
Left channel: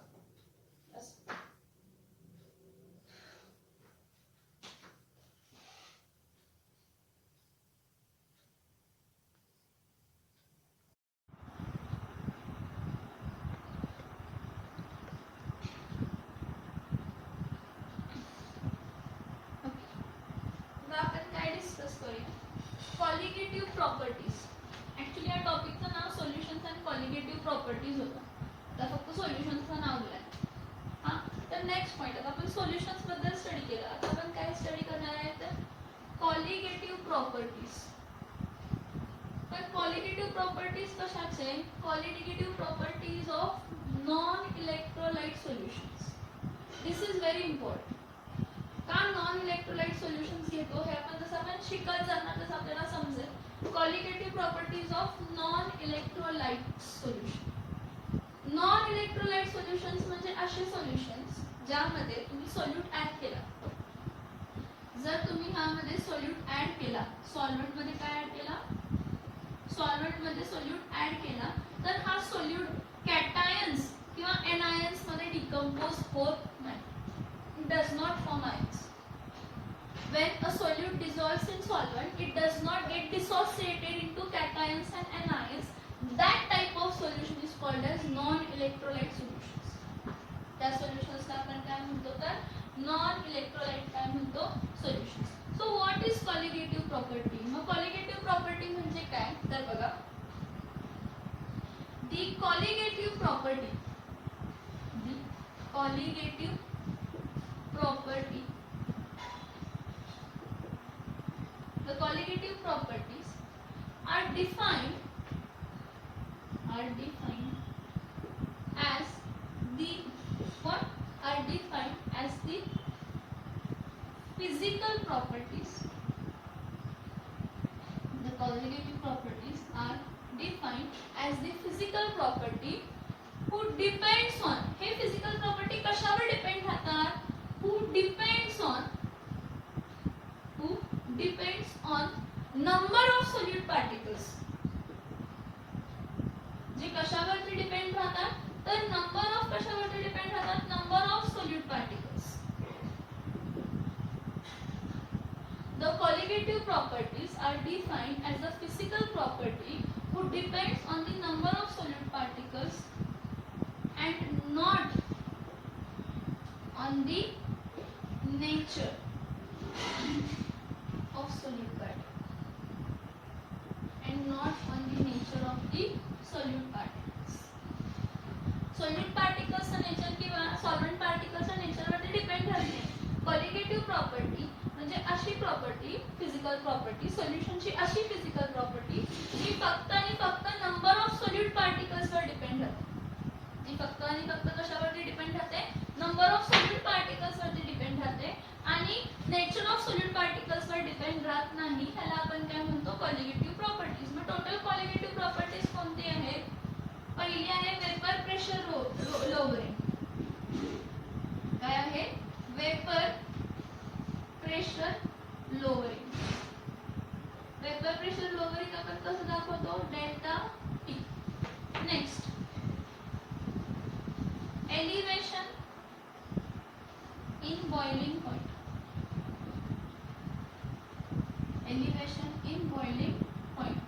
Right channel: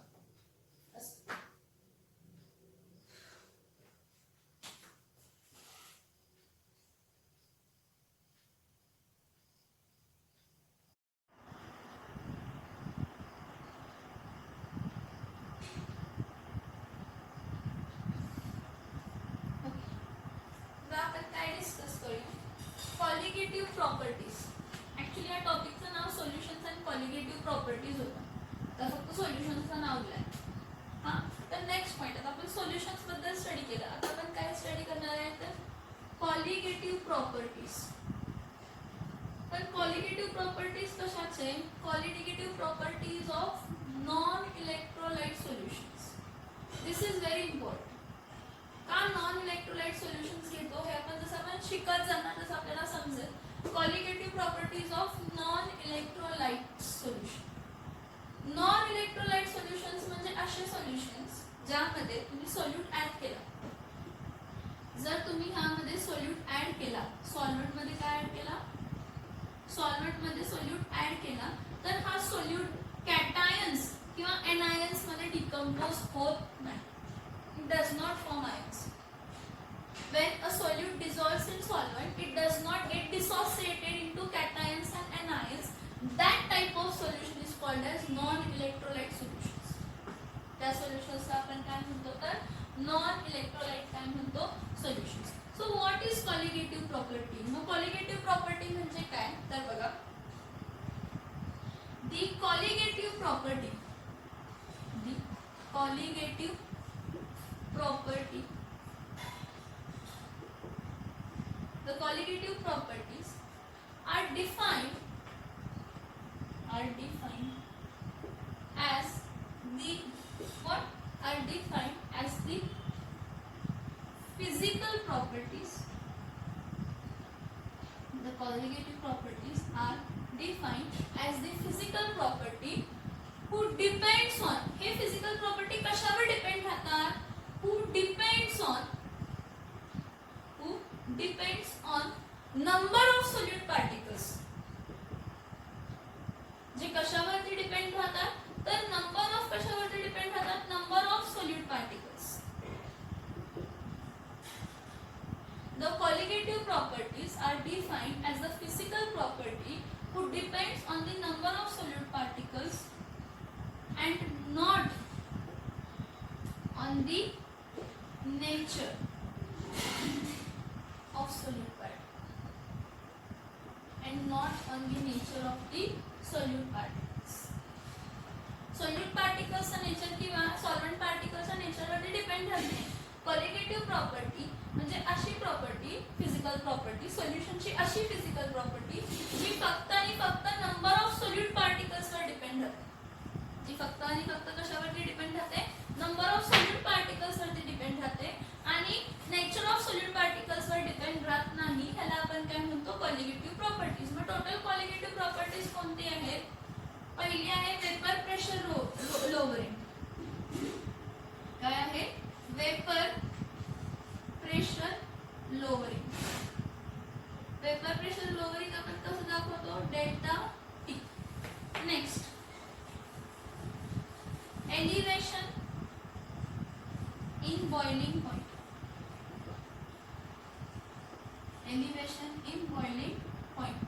Colligative properties. ऍक्च्युअली या टॉपिकचं नाव सोल्युशन्स अँड कॉलिगेटिव्ह प्रॉपर्टीज होतं, तर फक्त सोल्युशन्सचं नाव दिलंय. हा तर नेक्स्ट पॉइंट, आता आपण सोल्युशन्स बद्दल स्टडी केलं. आता आपण काय स्टडी करणार आहे तर कॉलिगेटिव्ह प्रॉपर्टीज. पण कॉलिगेटिव्ह प्रॉपर्टीज कशाचे, colligative properties of non electrolyte solutions. This is very important. का नॉन इलेक्ट्रोलाइट सोल्युशन्स घेतो हे आपण जसं आपण शिकत जाणार तसं आपल्याला समजेल. Colligative properties of non electrolyte solution. Non electrolyte solutions म्हणजे असे सोल्युशन्स ज्यामध्ये तुम्ही सोल्यूट ऍड केला. जर तुम्ही ह्यामध्ये सोल्यूट ऍड केला, सॉल्व्हेंट मध्ये काय ऍड केला, सॉल्व्हेंट मध्ये सोल्यूट ऍड केला, तर हा सोल्यूट कॅटायन्स किंवा एनायन्स मध्ये डिकम्पोज होत नाही. It does not form ions. When a solute dissolves in solvent, it does not get dissociated into cations and anions. That type of solution is called as non-electrolyte solutions. त्या solutions ला आपण काय म्हणतो तर non-electrolyte काय म्हणतो solutions. So what is colligative property? मग colligative property म्हणजे काय तर बघा, the colligative property The colligative properties are defined as the what are defined as the physical properties. The colligative properties are defined as the physical property who depends on, हे physical property कशावर depend राहतात, who depends on number of solute particles. जे कशावरती depend राहतात, तर number of कशावरती depend राहतात, number of solute particles. The colligative properties are defined as the physical property who depends on the number of solute particles and not on the nature of solute particles and not on the nature of the solute particles. Solute particles चा nature किंवा solvent पार्टिकल्सचा nature वरती depend राहते. Colligative property म्हणजे अशी property, physical property, सोल्युशनची अशी physical property जी फक्त आणि फक्त नंबर ऑफ सोल्यूट पार्टिकल्स वर डिपेंड राहते. जी फक्त आणि फक्त कशावरती डिपेंड राहते, नंबर ऑफ सोल्यूट पार्टिकल्स वरती डिपेंड राहते आणि नेचर ऑफ सोल्यूट पार्टिकल्स वर डिपेंड राहत नाही. ह्याला आपण काय म्हणतो, कॉलिगेटिव्ह प्रॉपर्टीज. मग टोटल कॉलिगेटिव्ह प्रॉपर्टीज कोणती आहेत? पहिली आहे वेपर प्रेशर लोवरिंग. काय आहे? Vapour pressure lowering. Vapour pressure lowering आपण कसं दाखवतो, delta T. Next elevation in boiling point. Elevation in boiling point,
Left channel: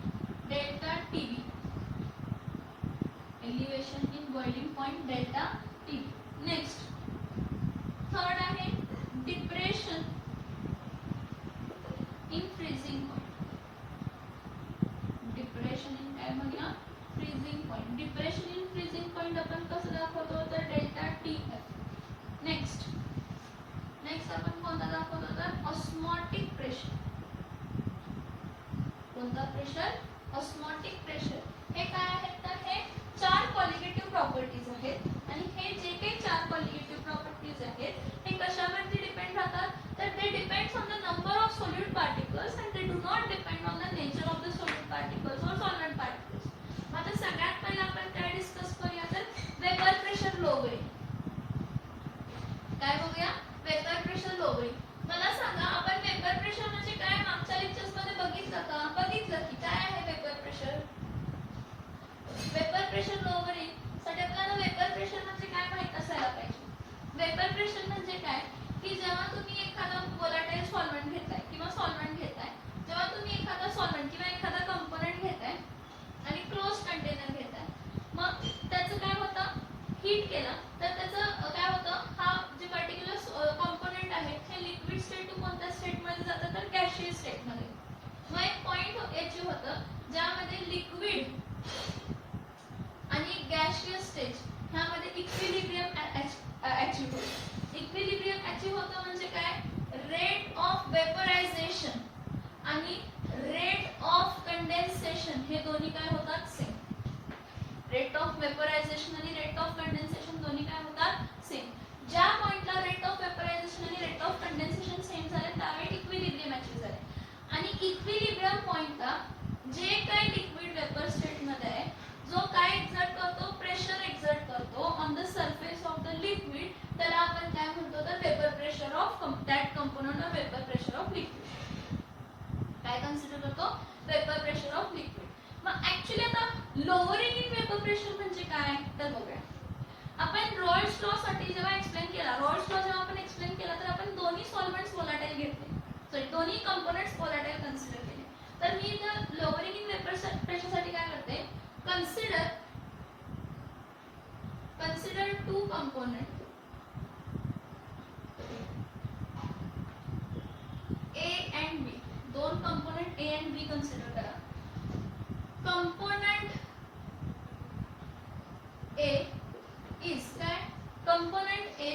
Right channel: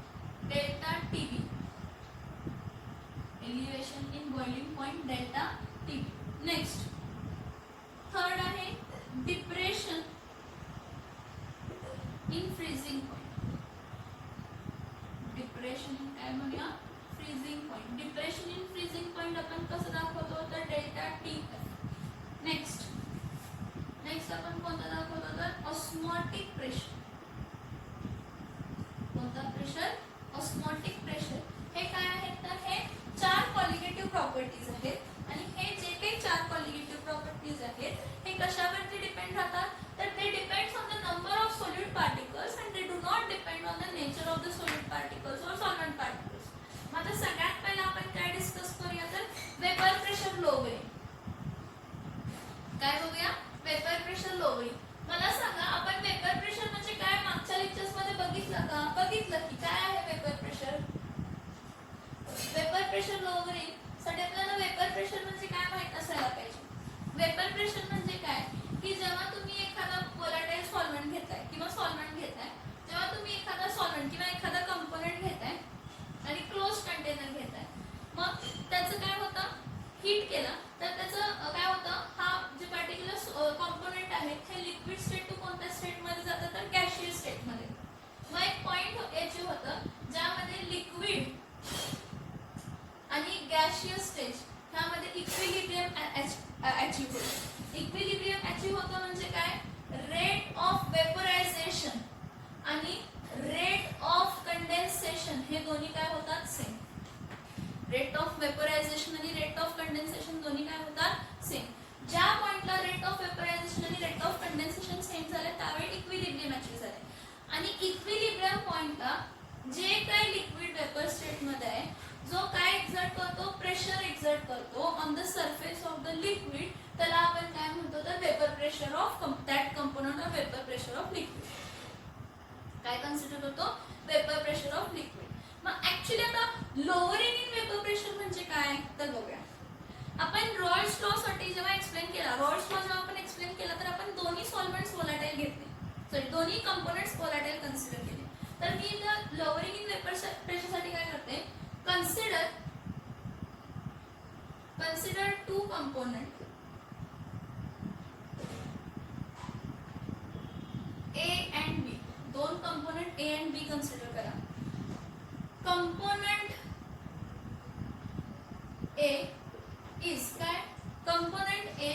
delta TB. Elevation in boiling point, delta TB. Next third आहे depression in freezing point. Depression in काय म्हणूया, freezing point. Depression in freezing point आपण कसं दाखवतो, तर delta T F. Next आपण कोणता दाखवतो, तर ऑस्मोटिक प्रेशर. कोणता प्रेशर, ऑस्मोटिक प्रेशर. हे काय आहेत, तर हे चार कॉलिगेटिव्ह प्रॉपर्टीज आहेत आणि हे जे काही चार कॉलिगेटिव्ह प्रॉपर्टीज आहेत हे कशावरती डिपेंड राहतात, तर ते depends on the number of solute particles and they do not depend on the nature of the solute particles और सॉल्वेंट पार्टिकल्स. आता सगळ्यात पहिला आपण काय डिस्कस करूया, तर वेपर प्रेशर लोवरिंग. काय बघूया, वेपर प्रेशर लोवरिंग. मला सांगा, आपण वेपर प्रेशर म्हणजे काय मागच्या लेक्चर्स मध्ये बघितलं का? बघितलं की काय आहे vapour pressure. Vapour pressure lowering साठी आपल्याला वेपर प्रेशर म्हणजे काय माहित असायला पाहिजे. वेपर प्रेशर म्हणजे काय, की जेव्हा तुम्ही एखादा व्होलाटाईल सॉल्व्हेंट घेताय किंवा सॉल्व्हेंट घेताय, जेव्हा तुम्ही एखादा सॉल्व्हेंट किंवा एखादा कंपोनेंट घेताय आणि क्लोज कंटेनर घेताय, मग त्याचं काय होतं, हीट केलं तर त्याचं काय होतं, हा जे पर्टिक्युलर कंपोनेंट आहे हे लिक्विड स्टेट टू कोणत्या स्टेट मध्ये जातं, तर गॅशियस स्टेट मध्ये. मग एक पॉइंट याचे होतं ज्यामध्ये लिक्विड आणि गॅशियस स्टेज ह्यामध्ये इक्विलिब्रियम अचीव होतं. इक्विलिब्रियम अचीव होतं म्हणजे काय, रेट ऑफ वेपरायझेशन आणि रेट ऑफ कंडेन्सेशन हे दोन्ही काय होतात, सेम. रेट ऑफ वेपरायझेशन आणि रेट ऑफ कंडेन्सेशन दोन्ही काय होतात, सेम. ज्या पॉइंटला रेट ऑफ वेपरायझेशन आणि रेट ऑफ कंडेन्सेशन सेम झाले त्यावेळी इक्विलिब्रियम अचीव झाले. आणि इक्विलिब्रियम पॉइंटला जे काही लिक्विड वेपर स्टेट मध्ये आहे, जो काय एक्झर्ट करतो, प्रेशर एक्झर्ट करतो on the surface of the liquid, त्याला आपण काय म्हणतो, तर vapour pressure of that component of vapour pressure of liquid. काय कन्सिडर होतो, वेपर प्रेशर ऑफ लिक्विड. मग ऍक्च्युली आता लोअरिंग इन वेपर प्रेशर म्हणजे काय, तर बघूया. आपण रॉल्स लॉ साठी जेव्हा एक्सप्लेन केला, रॉल्स लॉ जेव्हा आपण एक्सप्लेन केला, तर आपण दोन्ही सॉल्व्हेंट्स व्होलाटाईल घेतले, सॉरी दोन्ही कंपोनेंट्स व्होलाटाईल कन्सिडर केले. तर मी जर लोअरिंग इन वेपर प्रेशर साठी काय करते, consider two component A and B. दोन component A and B consider करा. कंपोनेंट A is काय, component A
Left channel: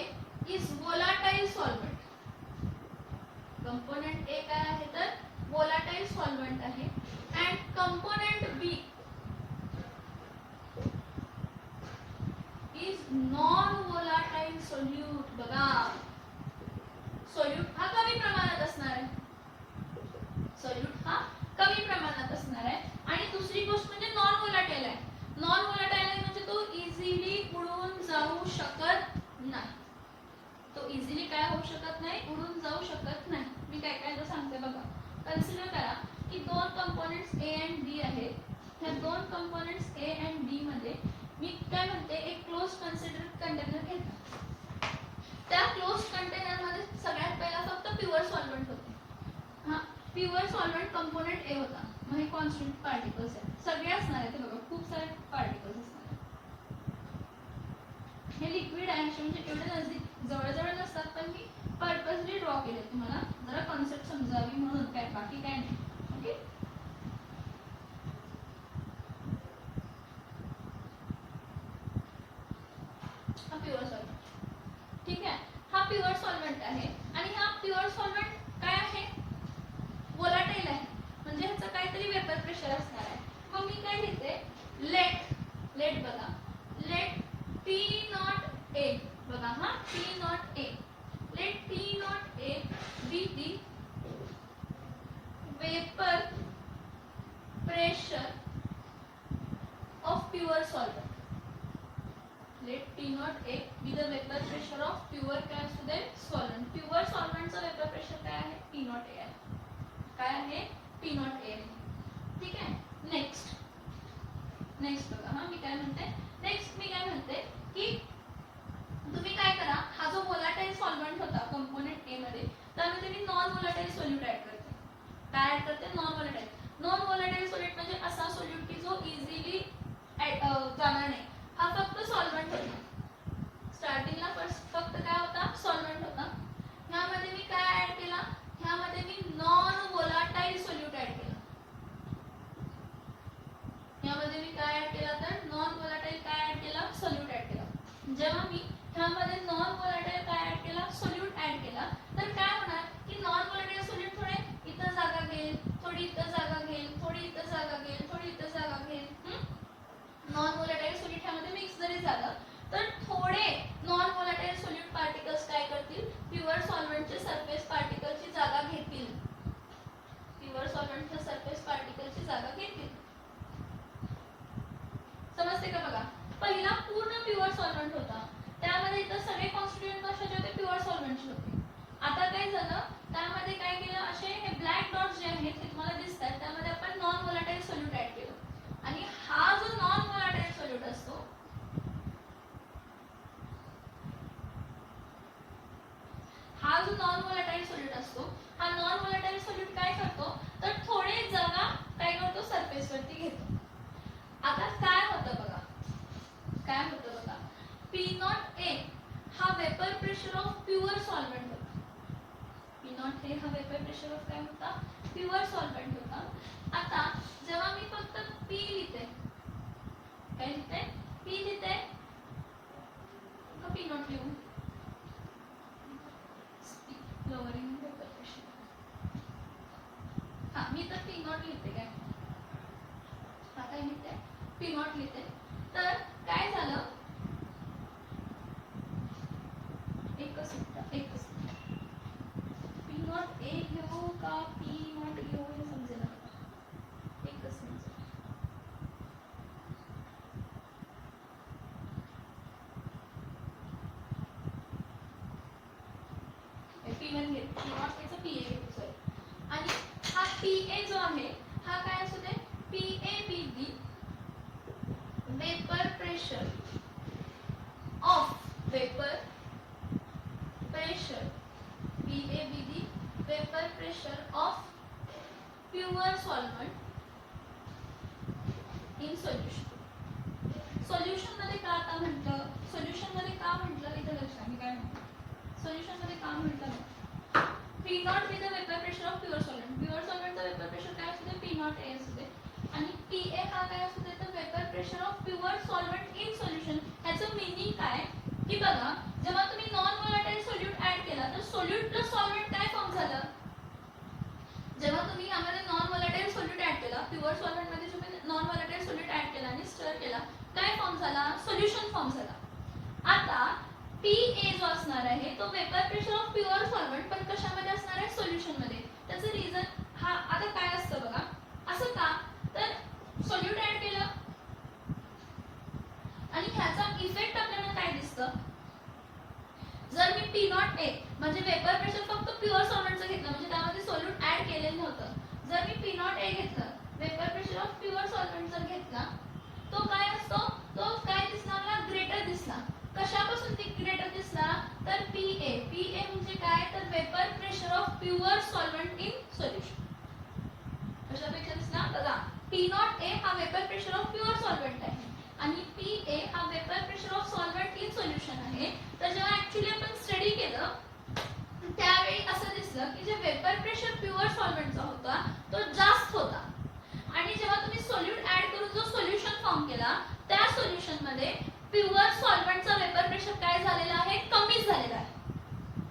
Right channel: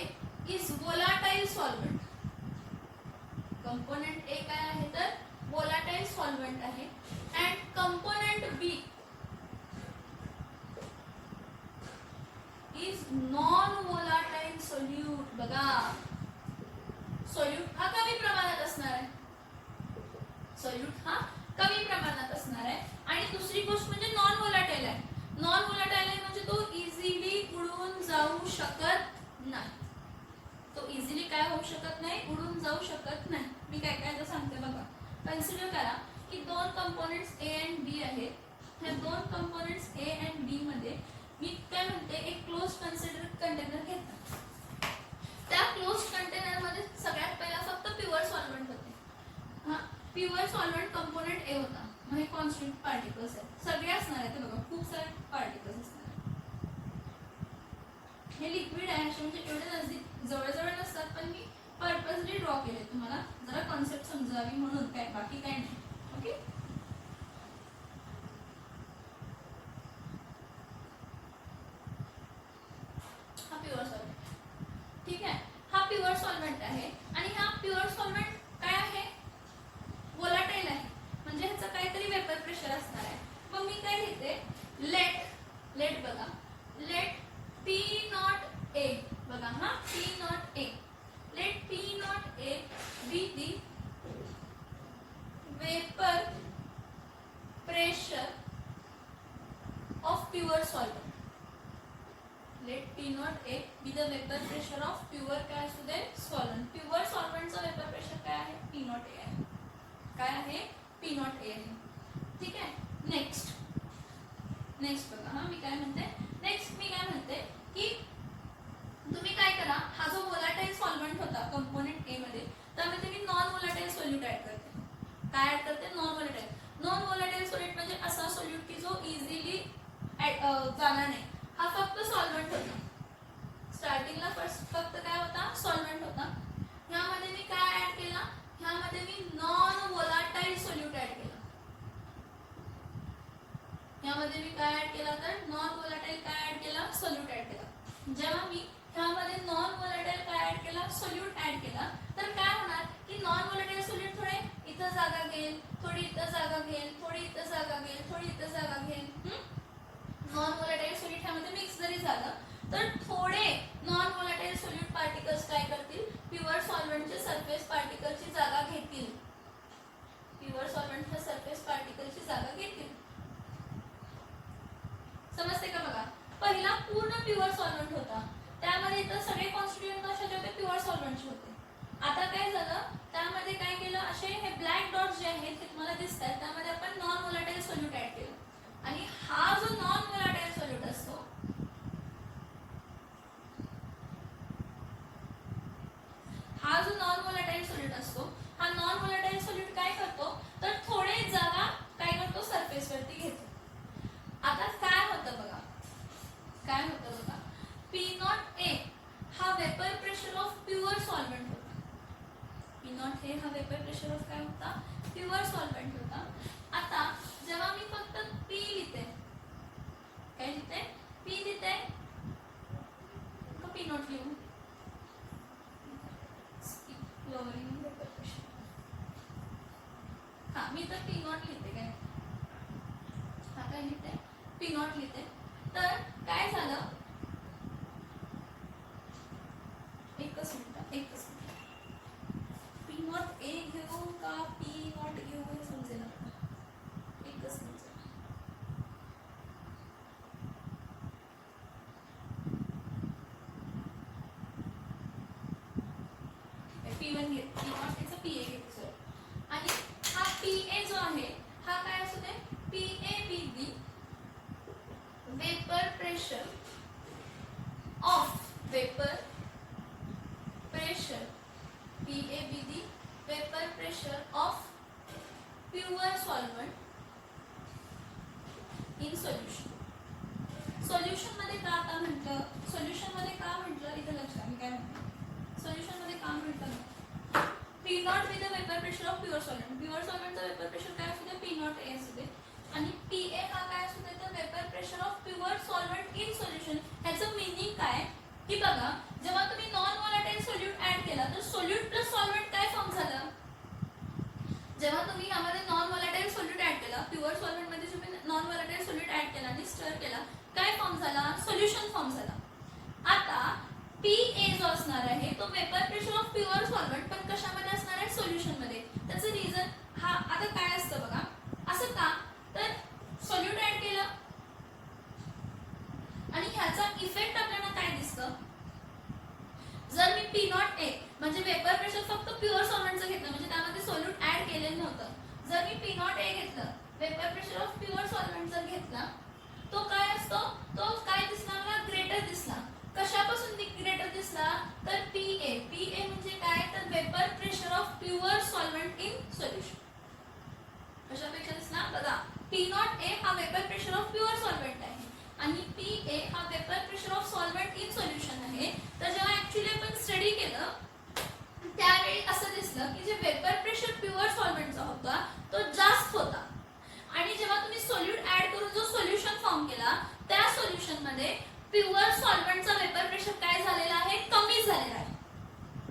is volatile solvent. Component A काय आहे, तर volatile सॉल्व्हेंट आहे and component B is non volatile solute. बघा सोल्यूट हा कमी प्रमाणात असणार आहे, सोल्यूट हा कमी प्रमाणात असणार आहे. आणि दुसरी गोष्ट म्हणजे नॉन वोलाटाईल आहे. नॉन वोलाटाईल आहे म्हणजे तो इझिली उडून जाऊ शकत नाही. तो इझिली काय होऊ शकत नाही, उडून जाऊ शकत नाही. मी काय काय तर सांगते बघा. कन्सिडर करा की दोन कंपोनेंट्स ए अँड बी आहेत. ह्या दोन कंपोनेंट्स ए अँड बी मध्ये मी काय म्हणते एक क्लोज कंटेनर घेतला. त्या क्लोज कंटेनर मध्ये सगळ्यात पहिला फक्त प्युअर सॉल्व्हेंट होते. हा प्युअर सॉल्व्हेंट कंपोनेंट ए होता. मग हे कॉन्स्टंट पार्टिकल्स आहेत, सगळे असणार आहेत. बघा खूप सारे पार्टिकल्स असणार आहेत. हे लिक्विड आहे असे म्हणजे एवढे नजदीक जवळजवळ नसतात, पण मी पर्पजली ड्रॉ केले तुम्हाला जरा कॉन्सेप्ट समजावी म्हणून, काय बाकी काय नाही. ओके हा प्युअर सॉल्व्हेंट, ठीक आहे. हा प्युअर सॉल्व्हेंट आहे आणि हा प्युअर सॉल्व्हेंट काय आहे, वोलाटाईल आहे म्हणजे ह्याचं काहीतरी वेपर प्रेशर असणार आहे. मग मी काय घेते, लेट बघा, लेट पी नॉट ए, बघा हा P not A, let P not A be the vapour pressure of pure solvent. Let P not A be the vapour pressure of pure काय असू दे सॉल्व्हेंट. प्युअर सॉल्व्हेंटचा vapour pressure काय आहे, P not a आहे. काय आहे, P not a आहे. ठीक आहे. नेक्स्ट बघा हा मी काय म्हणते, नेक्स्ट मी काय म्हणते की तुम्ही काय करा, हा जो वोलाटाईल सॉल्व्हेंट होता कंपोनेंट ए मध्ये त्यामध्ये मी नॉन वोलाटाईल सोल्यूट ऍड करते. काय ऍड करते, non volatile. Non volatile solute म्हणजे असा सोल्यूट की जो इझिली जाणार नाही. हा फक्त सॉल्व्हेंट होता. स्टार्टिंगला फक्त काय होता, सॉल्व्हेंट होता. ह्यामध्ये मी काय ऍड केला, ह्यामध्ये मी नॉन वोलाटाईल सोल्यूट ऍड केला. ह्यामध्ये मी काय ऍड केला, तर नॉन वोलाटाईल काय ऍड केला, सोल्यूट ऍड केला. जेव्हा मी ह्यामध्ये नॉन वोलाटाईल काय ऍड केला, सोल्यूट ऍड केला, तर काय होणार की नॉन वोलाटाईल सोल्यूट थोडे इथं जागा घेईल, थोडी इथं जागा घेईल, थोडी इथं जागा घेईल, थोडी इथं जागा घेईल. नॉन वोलाटाईल सोल्यूट ह्यामध्ये मिक्स जरी झालं तर थोडे नॉन वोलाटाईल सोल्यूट पार्टिकल्स काय करतील, प्युअर सॉल्व्हेंटचे सरफेस पार्टिकलची जागा घेतील. प्युअर सॉल्व्हेंटच्या सरफेस पार्टिकलची जागा घेतील. समजते का बघा. पहिला पूर्ण प्युअर सॉल्व्हेंट होता, त्यामध्ये इतर सगळे कॉन्स्टिट्यूएंट कशाचे होते, प्युअर सॉल्व्हेंटचे होते. आता काय झालं, त्यामध्ये काय केलं, असे हे ब्लॅक डॉट्स जे आहेत हे तुम्हाला दिसतात, त्यामध्ये आपण नॉन वोलाटाईल सोल्यूट ऍड केलं. आणि हा जो नॉन वोलाटाईल सोल्यूट असतो, हा जो नॉन वोलाटाईल सोल्यूट असतो, हा नॉन वोलाटाईल सोल्यूट काय करतो, तर थोडे जागा काय करतो, सरफेस वरती घेतो. आता काय होतं बघा, काय होतं बघा, पी नॉट ए हा vapour pressure of pure solvent होता. पी नॉट ए हा वेपर प्रेशर ऑफ काय होता, प्युअर सॉल्व्हेंट होता. आता जेव्हा मी फक्त पी लिहिते, काय लिहिते, पी लिहिते, पी नॉट लिहू, लोअरिंग वेपर प्रेशर. हा मी तर पी नॉट लिहिते, काय हा काय लिहिते, पी नॉट लिहिते. तर काय झालं, एकच पी नॉट ए घेऊ का पी नॉट घेऊ हे समजेल. एकच समजेल. P1 घेत, पी नॉट एचा पी ए घेतो सॉरी. आणि हा पी ए जो आहे हा काय असू दे, P A be the vapour pressure of vapour pressure, P A be the vapour pressure of pure solvent in solution. Solution मध्ये का आता म्हटलं, सोल्युशन मध्ये का म्हटलं इथं लक्षात, मी काय म्हणतो सोल्युशन मध्ये का म्हटलं, P naught with the vapour pressure of pure solvent. Pure सॉल्व्हेंटचा वेपर प्रेशर काय असू दे, पी नॉट ए असू दे. आणि पी ए हा काय असू दे, तर vapour pressure of pure solvent in solution. ह्याचं मिनिंग काय की बघा, जेव्हा तुम्ही नॉन वोलाटाईल सोल्यूट ऍड केला तर सोल्यूट प्लस सॉल्व्हेंट काय फॉर्म झालं. जेव्हा तुम्ही यामध्ये नॉन वोलाटाईल प्युअर सॉल्व्हेंट मध्ये तुम्ही नॉन व्होलाटाईल सॉल्यूट ऍड केला आणि स्टर केला, काय फॉर्म झाला, सोल्युशन फॉर्म झाला. आता PA जो असणार आहे तो vapour pressure of pure solvent, पण कशामध्ये असणार आहे, सोल्युशन मध्ये. त्याचं रिझन हा आता काय असतं बघा, असं का तर सॉल्यूट ऍड केलं आणि ह्याचा इफेक्ट आपल्याला काय दिसतं, जर मी P0A म्हणजे वेपर प्रेशर फक्त प्युअर सॉल्व्हेंटचं घेतलं, म्हणजे त्यामध्ये सोल्यूट ऍड केलेलं नव्हतं, जर मी P0A घेतलं, vapour pressure of pure solvent जर घेतला, तो काय असतो, तो काय दिसणार ना, ग्रेटर दिसला. कशापासून ग्रेटर दिसला, तर PA म्हणजे काय, तर vapour pressure of pure solvent in solution. कशापेक्षा दिसला बघा, P0A हा vapour pressure of pure solvent आहे आणि PA हा vapour pressure of solvent in solution आहे. तर जेव्हा ऍक्च्युअली आपण स्टडी केलं त्यावेळी असं दिसलं की जे वेपर प्रेशर प्युअर सॉल्व्हेंटचा होता तो जास्त होता आणि जेव्हा तुम्ही सोल्यूट ऍड करून जो सोल्युशन फॉर्म केला त्या सोल्युशन मध्ये प्युअर सॉल्व्हेंटचा वेपर प्रेशर काय झालेला आहे, कमी झालेला आहे.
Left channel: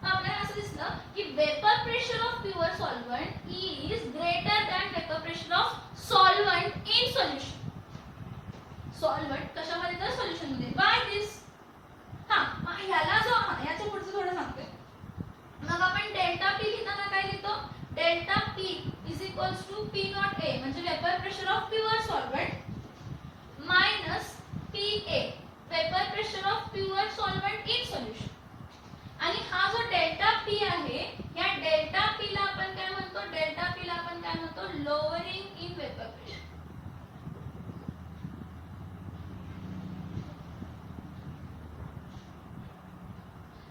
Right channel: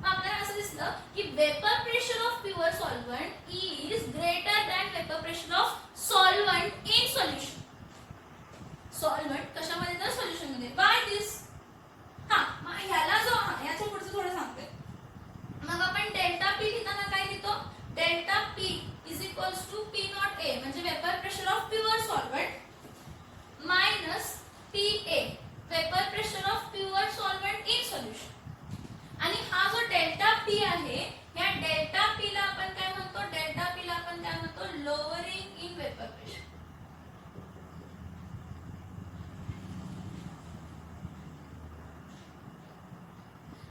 आपल्याला असं दिसलं की vapour pressure of pure solvent is greater than vapour pressure of solvent in solution. Solvent कशामध्ये तर सोल्युशन मध्ये. बाय दिस ह्याला जो ह्याच्या पुढचं थोडं सांगते. मग आपण डेल्टा P लिहिताना काय लिहितो, delta P is equals to P0A म्हणजे vapour pressure of pure solvent minus PA vapour pressure of pure solvent in solution. आणि हा जो डेल्टा P आहे, या डेल्टा P ला आपण काय म्हणतो, डेल्टा P ला आपण काय म्हणतो, लोअरिंग इन वेपर प्रेशर.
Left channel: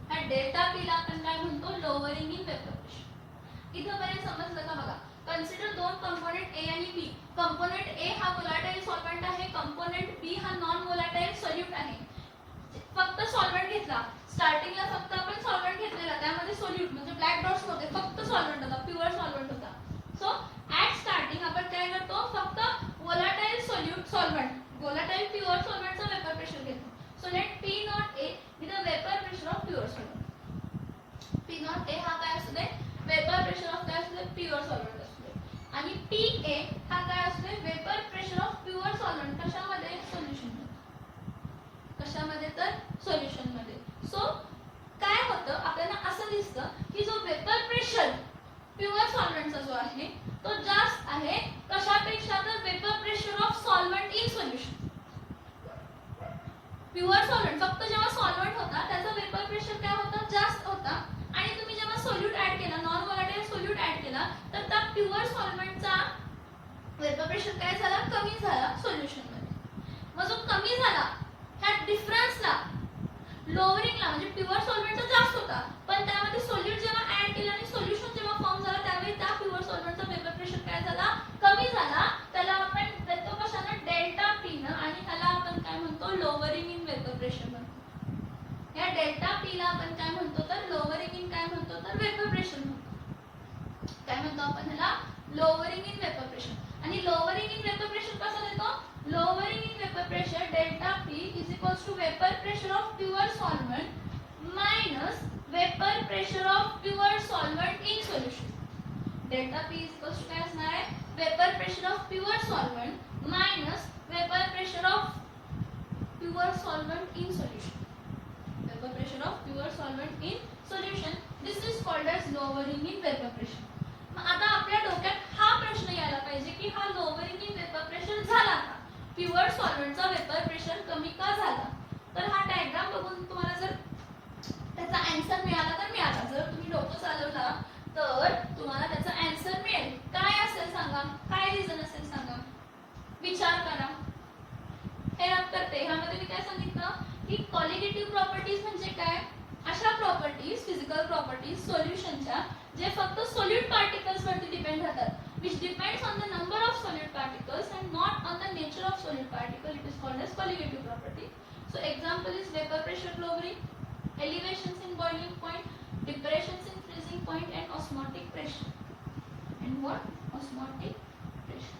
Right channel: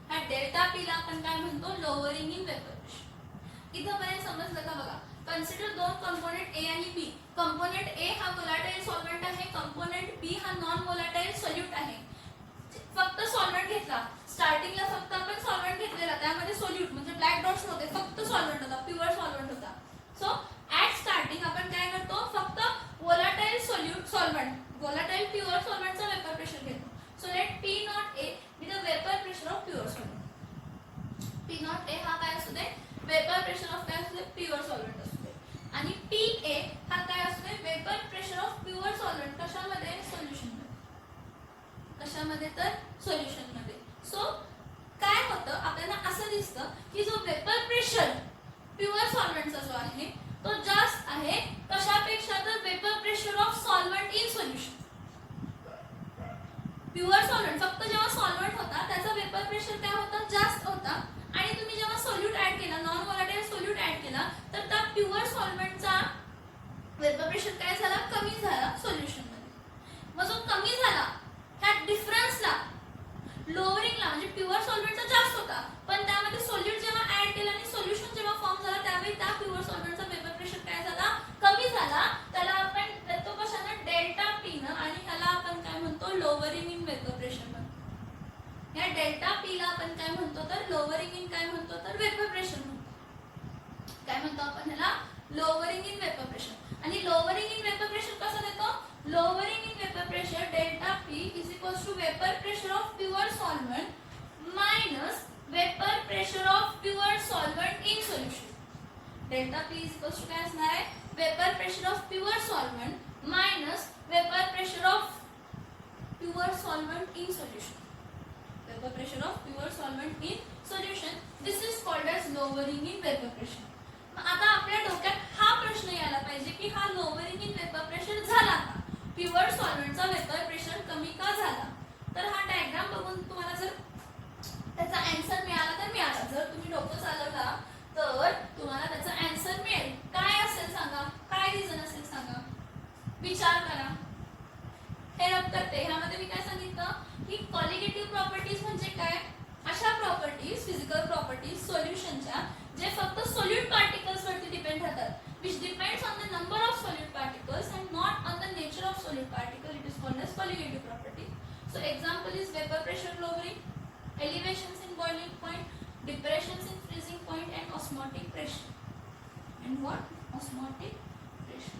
ह्या डेल्टा P ला आपण काय म्हणतो, लोअरिंग इन वेपर प्रेशर. इथं पर्यंत समजलं का बघा. कन्सिडर दोन कंपोनेंट A आणि B. कंपोनेंट A हा व्होलाटाईल सॉल्व्हेंट आहे, कंपोनेंट B हा नॉन व्होलाटाईल सोल्यूट आहे. फक्त सॉल्व्हेंट घेतला, स्टार्टिंगला फक्त आपण सॉल्व्हेंट घेतलेला, त्यामध्ये सोल्यूट म्हणजे ब्लॅक डॉट्स नव्हते, फक्त सॉल्व्हेंट होता, प्युअर सॉल्व्हेंट होता. सो ऍट स्टार्टिंग आपण काय करतो, फक्त volatile solute solvent, volatile pure सॉल्व्हेंटचा वेपर प्रेशर घेतो. So let P0A be the vapour pressure of pure solvent. P0A हा काय असू दे, वेपर प्रेशर ऑफ काय असू दे, प्युअर सॉल्व्हेंट असू दे. आणि PA हा काय असू दे, vapour pressure of pure solvent कशामध्ये, सोल्युशन मध्ये. कशामध्ये तर सोल्युशन मध्ये. सो काय होतं, आपल्याला असं दिसतं की जो वेपर प्रेशर प्युअर सॉल्व्हेंटचा जो आहे तो जास्त आहे कशापेक्षा, तर vapour pressure of solvent in solution. Pure solvent फक्त जेव्हा सॉल्व्हेंट होता त्याचा वेपर प्रेशर काय होता, जास्त होता. आणि तुम्ही जेव्हा सोल्यूट ऍड केला, नॉन व्होलाटाईल सोल्यूट ऍड केला, तर त्या प्युअर सॉल्व्हेंटचा वेपर प्रेशर काय झाला, कमी झाला सोल्युशन मध्ये. मग जो कमी झाला त्या डिफरन्सला लोअरिंगला म्हणजे प्युअर सॉल्व्हेंटचा जास्त होता, पण त्यामध्ये सोल्यूट जेव्हा ऍड केलं आणि सोल्युशन जेव्हा फॉर्म झाला त्यावेळी त्या प्युअर सॉल्व्हेंटचा वेपर प्रेशर काय झाला, कमी झाला. त्याला आपण देतो कशाने, डेल्टा P न, आणि ह्याला आपण काय म्हणतो, लोअरिंग इन वेपर प्रेशर म्हणतो. या डेल्टा P ला आपण काय म्हणतो, तर लोअरिंग इन काय म्हणतो, तर वेपर प्रेशर म्हणतो. काय म्हणतो आपण ह्याला, लोअरिंग इन वेपर प्रेशर. आणि लोअरिंग इन वेपर प्रेशर कसं देतो, lowering in vapor pressure delta P is equals to vapor pressure of pure solvent minus vapor pressure of pure solvent in solution. Delta P is equals to काय असणार आहे, vapor pressure of pure solvent minus vapor pressure of pure solvent in solution. Vapor pressure of pure solvent in solution. This is called as lowering in vapor pressure. आता आपल्या डोक्यात हा प्रश्न यायला पाहिजे की हा लोअरिंग इन वेपर प्रेशर झाला का, प्युअर सॉल्व्हेंटचा वेपर प्रेशर कमी का झाला. तर हा डायग्राम बघून तुम्हाला जर त्याचा आन्सर मिळाला तर मिळाला, जर तुम्ही डोकं चालवला तर तुम्हाला त्याचा आन्सर मिळेल. काय असेल सांगा, काय रिझन असेल सांगा, विचार करा. हे लक्षात ठेवा, ह्यामध्ये मी काय सांगितलं की कॉलिगेटिव्ह प्रॉपर्टीज म्हणजे काय, अशा प्रॉपर्टीज, फिजिकल प्रॉपर्टीज सोल्युशनच्या जे फक्त सोल्यूट पार्टिकल्स वरती डिपेंड राहतात, which depends on the number of solute particles and not on the nature of solute particle. It is called as colligative property. So example is vapor pressure lowering, elevations in boiling point, depressions in freezing point, and osmotic pressure. And what? Osmotic pressure.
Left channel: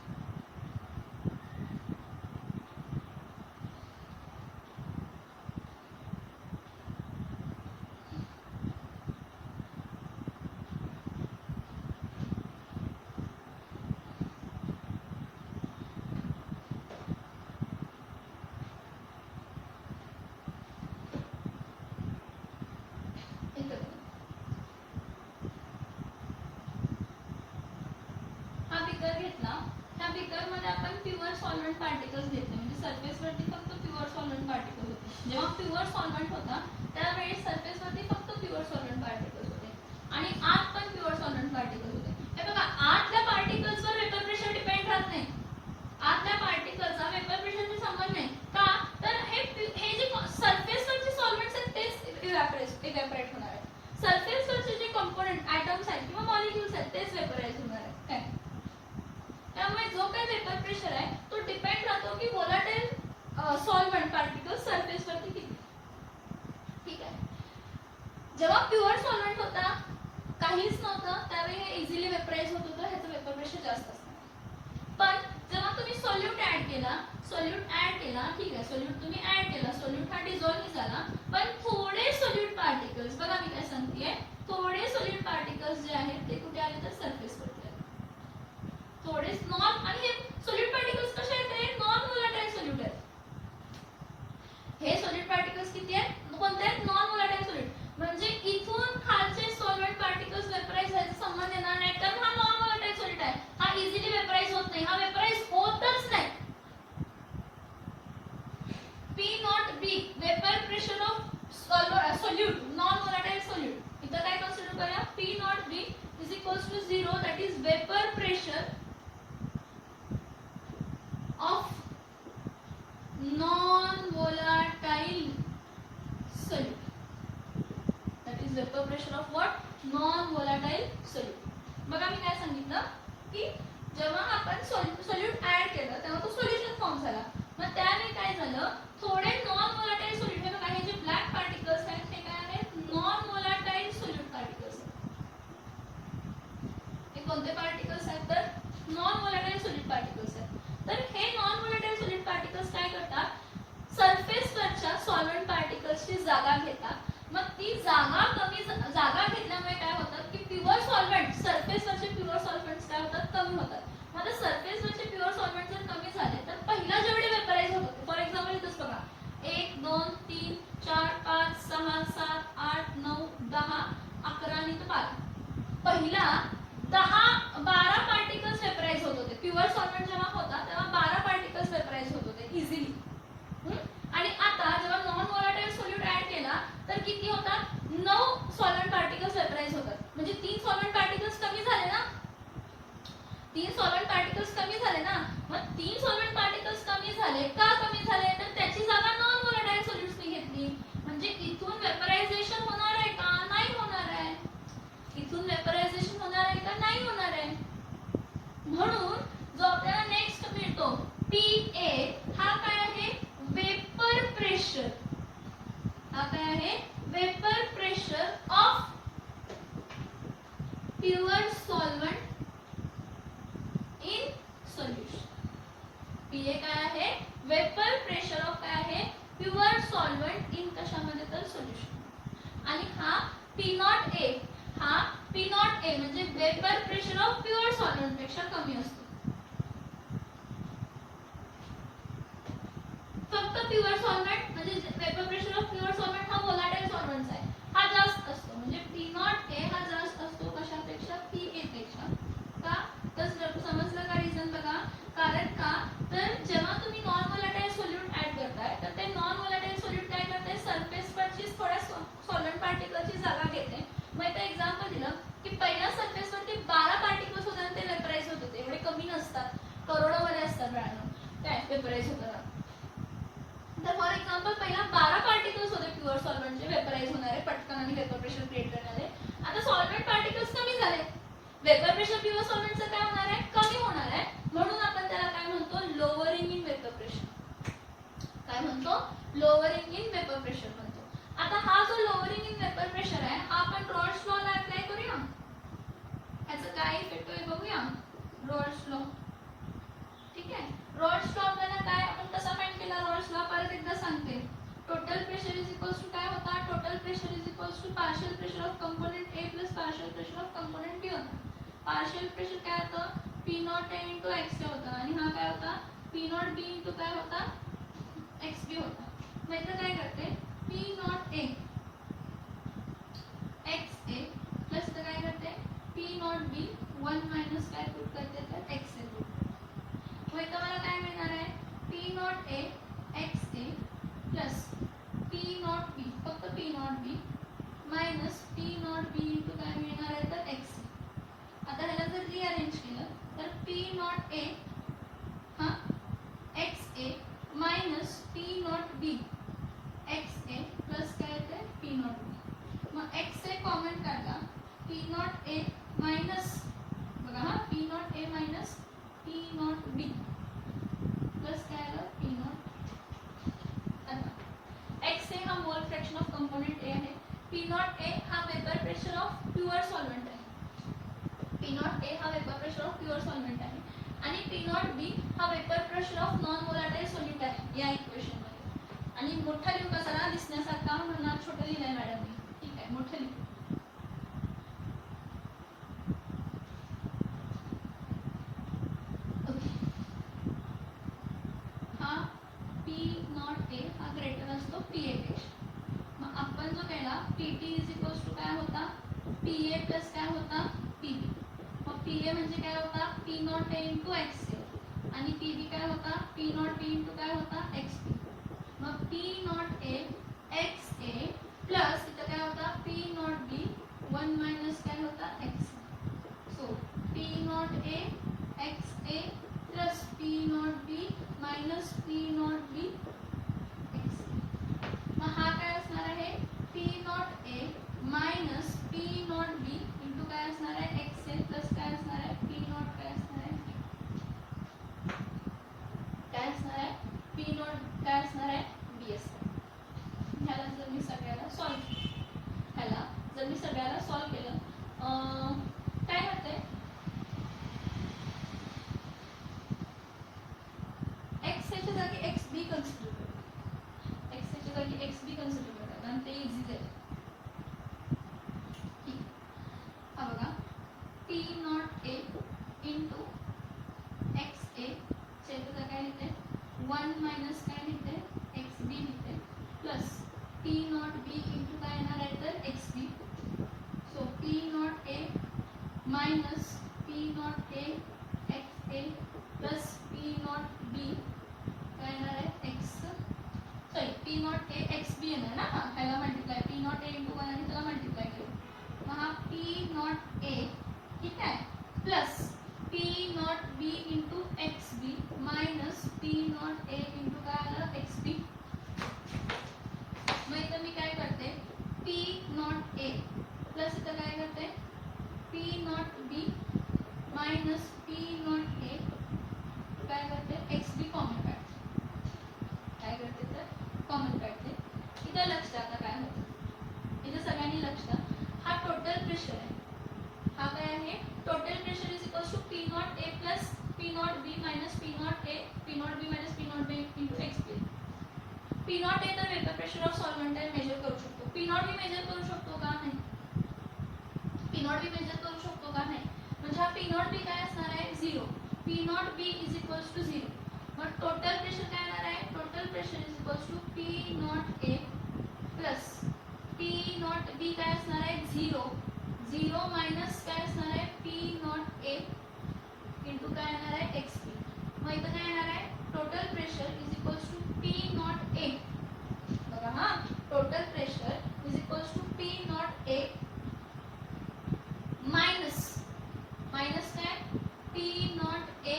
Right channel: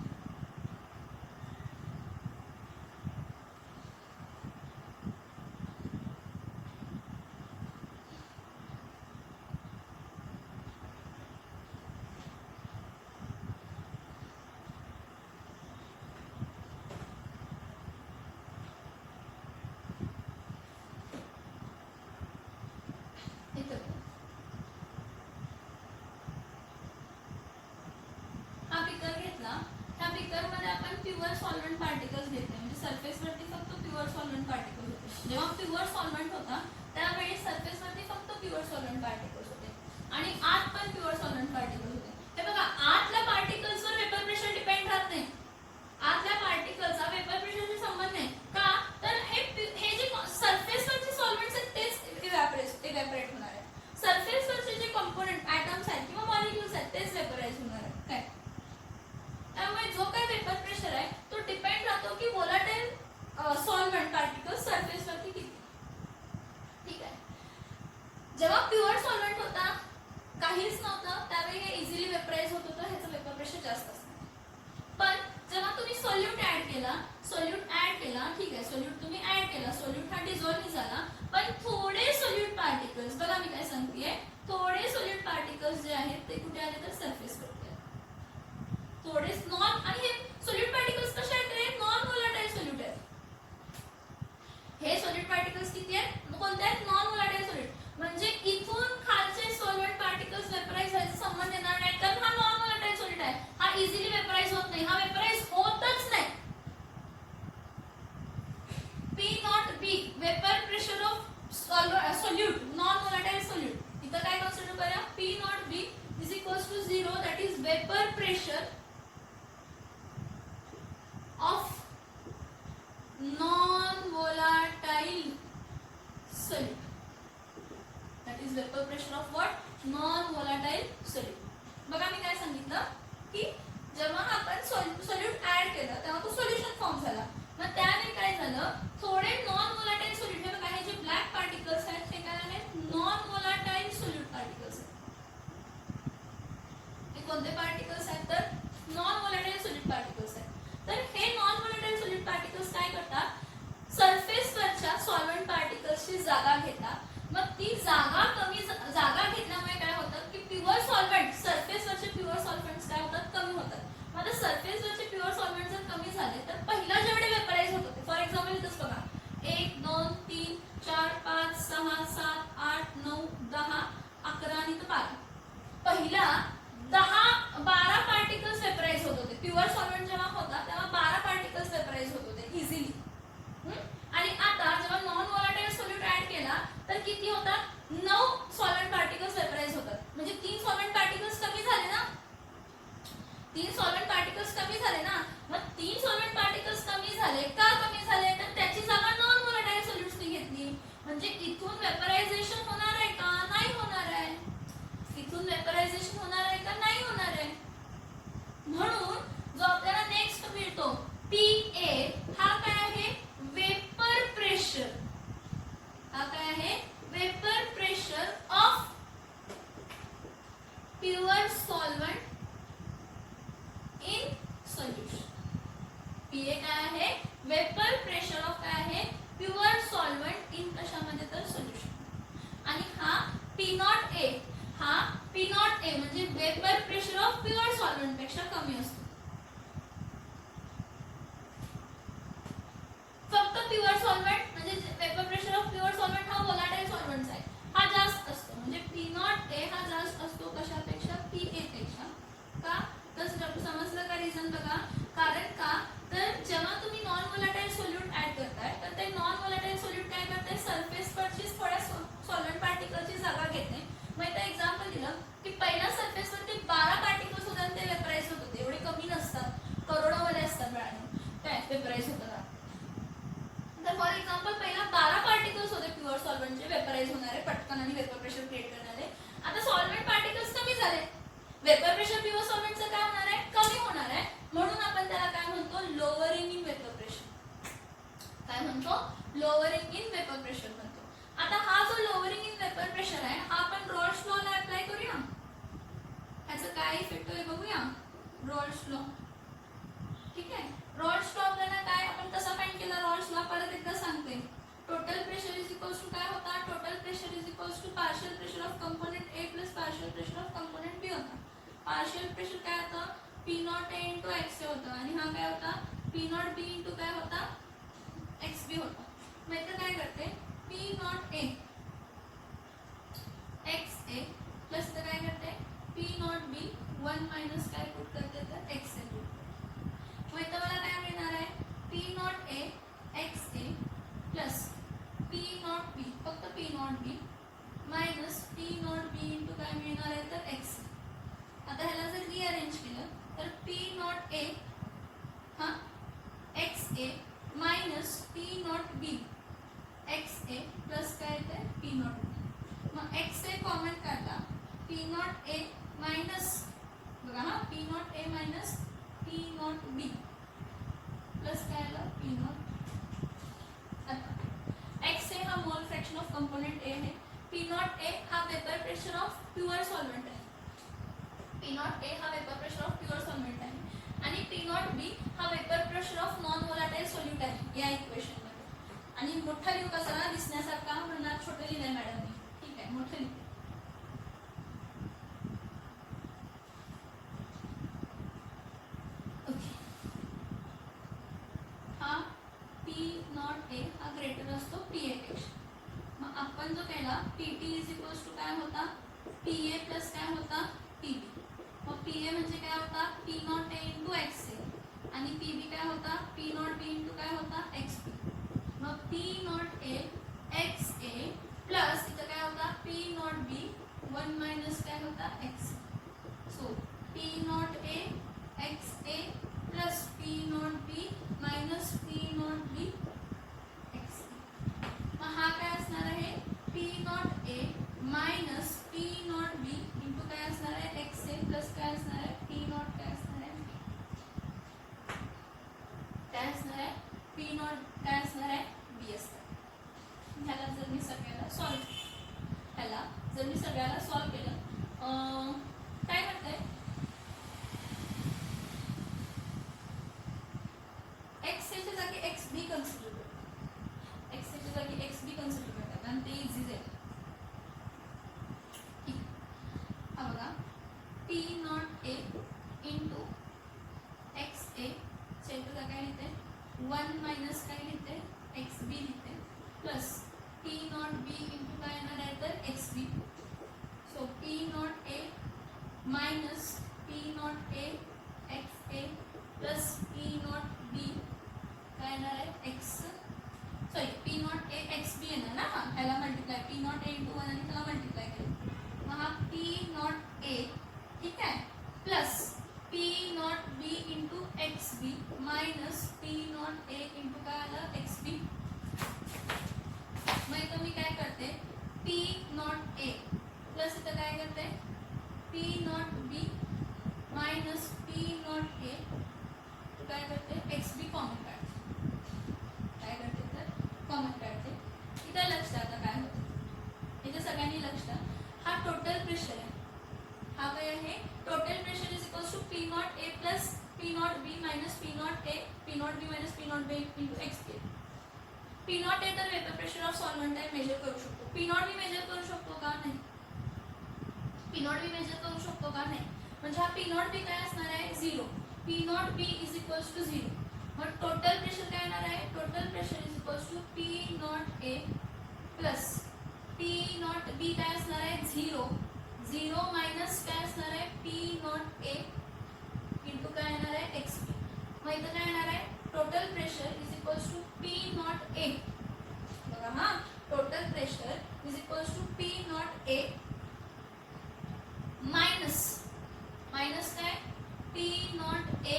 त्या beaker मध्ये आपण pure solvent particles घेत नाही, म्हणजे surface वरती फक्त pure solvent particles होते. जेव्हा प्युअर सॉल्व्हंट होता त्यावेळी सरफेस वरती फक्त प्युअर सॉल्व्हंट पार्टिकल्स होते आणि आत पण प्युअर सॉल्व्हंट पार्टिकल्स होते. हे बघा, आतल्या पार्टिकल्सवर वेपर प्रेशर डिपेंड राहत नाही. आतल्या पार्टिकल्सचा वेपर प्रेशरशी संबंध नाही. का तर हे जे सरफेस वरचे सॉल्व्हंट्स आहेत तेच इव्हॅपोरेट होणार आहेत. सरफेस वरचे जे कंपोनेंट ॲटम्स आहेत किंवा मॉलिक्युल्स आहेत तेच वेपराइज होणार आहेत. काय त्यामुळे जो काही वेपर प्रेशर आहे तो डिपेंड राहतो की व्होलाटाईल सॉल्व्हंट पार्टिकल्स सरफेस वरती किती. ठीक आहे. जेव्हा प्युअर सॉल्व्हंट होता, काहीच नव्हतं, त्यावेळी हे इझिली वेपराइज होत होतं, ह्याचं वेपर प्रेशर जास्त असणार. पण जेव्हा तुम्ही सोल्यूट ऍड केला, ठीक आहे, सोल्यूट तुम्ही ऍड केला, सोल्यूट हा डिझॉल्व्ह झाला, पण थोडे सोल्यूट पार्टिकल्स, बघा मी काय सांगतेय, थोडे सोल्यूट पार्टिकल्स जे आहेत ते कुठे आले तर सरफेस वरती आले. थोडे नॉन, आणि हे सोल्यूट पार्टिकल्स कसे आहेत? नॉन व्होलाटाईल सोल्यूट आहेत. हे सोल्यूट पार्टिकल्स किती आहेत? कोणते आहेत? Non volatile solute. म्हणजे इथून खालचे सॉल्व्हंट पार्टिकल्स वेपराइज व्हायचा संबंध येणार नाही, कारण हा नॉन व्होलाटाईल सोल्यूट आहे. हा इझिली वेपराइज होत नाही, हा वेपराइज होतच नाही. P0B vapour pressure of solute, non volatile solute. इथं काय कन्सिडर करूया? P0B is equals to 0, that is vapor pressure of non-volatile solute. That is vapor pressure of what? Non-volatile solute. बघा मी काय सांगितलं की जेव्हा आपण सोल्यूट ऍड केलं तेव्हा तो सोल्युशन फॉर्म झाला. मग त्यावेळी काय झालं? थोडे नॉन व्होलाटाईल सोल्यूट, हे बघा हे जे ब्लॅक पार्टिकल्स आहेत हे काय आहेत? नॉन व्होलाटाईल सोल्यूट पार्टिकल्स आहेत. हे कोणते पार्टिकल्स आहेत? तर नॉन व्होलाटाईल सोल्यूट पार्टिकल्स आहेत. तर हे नॉन व्होलाटाईल सोल्यूट पार्टिकल्स काय करतात? सरफेस वरच्या सॉल्व्हंट पार्टिकल्सची जागा घेतात. मग ती जागा घेतल्यामुळे काय होतं की प्युअर सॉल्व्हंट, सरफेस वरचे प्युअर सॉल्व्हंट्स काय होतात? कमी होतात. मग सरफेस वरचे प्युअर सॉल्व्हंट जर कमी झाले तर पहिला जेवढे वेपराइज होतात, फॉर एक्झाम्पल इथंच बघा, 1 2 3 4 5 6 7 8 9 10 11 आणि 12, पहिला 10-12 पार्टिकल्स वेपराइज होत होते. प्युअर सॉल्व्हंट जेव्हा होता तेव्हा 12 पार्टिकल्स वेपराइज होत होते इझिली. आणि आता जेव्हा नॉन व्होलाटाईल सोल्यूट ऍड केला तर किती होतात? 9 सॉल्व्हंट पार्टिकल्स वेपराइज होतात. म्हणजे 3 सॉल्व्हंट पार्टिकल्स कमी झाले ना, 3 सॉल्व्हंट पार्टिकल्स कमी झाले ना. मग 3 सॉल्व्हंट पार्टिकल्स कमी झाले का? कमी झाले तर त्याची जागा नॉन व्होलाटाईल सोल्यूट्सने घेतली. म्हणजे इथून वेपरायझेशन होणार आहे का? नाही होणार आहे. इथून वेपरायझेशन होणार आहे का? नाही होणार आहे. म्हणून जो आपल्याला नेक्स्ट मिळतो PA, हा काय आहे? Vapour pressure. हा काय आहे? Vapour pressure of pure solvent in solution. PA काय आहे? वेपर प्रेशर ऑफ काय आहे? प्युअर सॉल्व्हंट इन कशामध्ये तर सोल्युशन. आणि हा P0A, हा P0A म्हणजे vapour pressure of pure solvent पेक्षा कमी असतो. फक्त प्युअर सॉल्व्हंट म्हणजे vapour pressure of pure solvent हा व्होलाटाईल सॉल्व्हंट्स आहे, हा जास्त असतो. म्हणजे P0A हा जास्त असतो कशापेक्षा? PA पेक्षा. का? तर समजलं का रिझन? बघा, कारण का तर जेव्हा तुम्ही नॉन व्होलाटाईल सोल्यूट ऍड करताय तर ते नॉन व्होलाटाईल सोल्यूट काय करताय? सरफेस वरची थोड्या सॉल्व्हंट पार्टिकलची जागा घेते. मग इथं एक्झाम्पल दिलं की पहिल्या सरफेस वरती 12 पार्टिकल्स होते आणि ते वेपराइज होत होते. एवढे कमी नसतात, करोडोमध्ये असतात काय वेपराइज होतात. तर फॉर एक्झाम्पल पहिला 12 पार्टिकल्स होते प्युअर सॉल्व्हंटचे वेपराइज होणारे पटकन आणि वेपर प्रेशर क्रिएट करणारे. आता सॉल्व्हंट पार्टिकल्स कमी झाले, वेपर प्रेशर प्युअर सॉल्व्हंटचं काय होणार आहे? कमी होणार आहे. म्हणून आपण त्याला काय म्हणतो? Lowering in vapour pressure. काय म्हणतो? लोअरिंग इन वेपर प्रेशर म्हणतो. आता हा जो लोअरिंग इन वेपर प्रेशर आहे हा आपण रॉल्स लॉ ला अप्लाय करूया. ह्याचं काय इफेक्ट होईल बघूया. रॉल्स लॉ, ठीक आहे. रॉल्स लॉ आपल्याला काय, आपण कसा फाइंड केला रॉल्स लॉ? परत एकदा सांगते. Total pressure is equals to काय होता? Total pressure is equals to partial pressure of component A plus partial pressure of component B होता. पार्शियल प्रेशर काय होतं? P0A इंटू XA होता आणि हा काय होता? P0B इंटू काय होता? XB होता. मग इथं काय करते? P0A XA प्लस इथं काय करते? P0B 1 मायनस काय पुट करते तर XA put. Not A minus बघा हा P not A minus P not be plus काय आलं पी नॉट. आता एक्स ए हा मोल फ्रॅक्शन ऑफ कंपोनेंट ए आहे. पी नॉट ए हा vapour pressure of pure solvent आहे. पी नॉट ए हा vapour pressure of pure solvent आहे आणि पी नॉट बी हा vapour pressure of non volatile solute आहे या इक्वेशन मध्ये. आणि मोठा लिहू कसा दिसण्यासारखा म्हणणार छोटं लिहिलंय मॅडमने. ठीक आहे मोठं लिहू. हा पी नॉट ए हा ग्रेटर असतो पी ए पेक्षा. मग आपण जो केला P T is equals to काय होता पी ए प्लस काय होता पी बी. मग पी ए म्हणजे काय होता P not A into X A आणि पी बी काय होता पी नॉट बी इंटू काय होता एक्स बी. मग P not A X A plus इथं काय होता पी नॉट बी 1 मायनस काय होता x. So P not A X A plus P not B minus P not B x. मग हा काय असणार आहे P not A minus P not B into काय असणार आहे एक्स ए प्लस काय असणार आहे पी नॉट काय असणार आहे काय असणार आहे पी नॉट काय असणार आहे बी असणार. ह्याला जर मी सगळ्याला सॉल्व केलं काय म्हणते एक्स एच्या जागी एक्स बी कन्सिडर करू. एक्स एच्या जागी एक्स बी कन्सिडर करतात आणि ते इझी जाईल. हा बघा P not A into X A च्या काय लिहिते 1 मायनस काय लिहिते एक्स बी लिहिते plus P not B into काय येणार आहे तर X B. So P not A minus P not A X A plus P not B काय येणार आहे X sorry P not A X B येणार ना. ह्याला multiply P not A into 1 आणि त्याला मल्टिप्लाय केलं. मग हा पी नॉट ए ठीक आहे plus P not B into X B minus P not A into काय आलं एक्स बी. मग इथं मी काय करते पी नॉट ए प्लस इथं काय करते P not B minus P not a काय करते एक्स बी कॉमन काढते. काय करते तर कॉमन काढते. इथं लक्ष आता काय होतं इथे सगळ्यांनी लक्ष द्या. हा टोटल प्रेशर आहे. हा काय आहे total pressure is equals to P not A plus P not B minus P not A P not B minus P not B into X B. P not A तर vapour pressure of solvent आहे measure करू शकतो. P not be major करू शकतो का नाही P not be major करू शकतो का नाही. म्हणजे हा पी नॉट बी काय असणार आहे 0. P not B is equals to 0. मग टोटल प्रेशर काय येणार आहे total pressure is equals to P not A plus P not B काय असणार आहे 0 मायनस काय असणार आहे पी नॉट ए इंटू काय येणार आहे एक्स बी. मग इथं काय येणार आहे total pressure is equals to P not A बघा हा total pressure is equals to P not A minus काय पी नॉट ए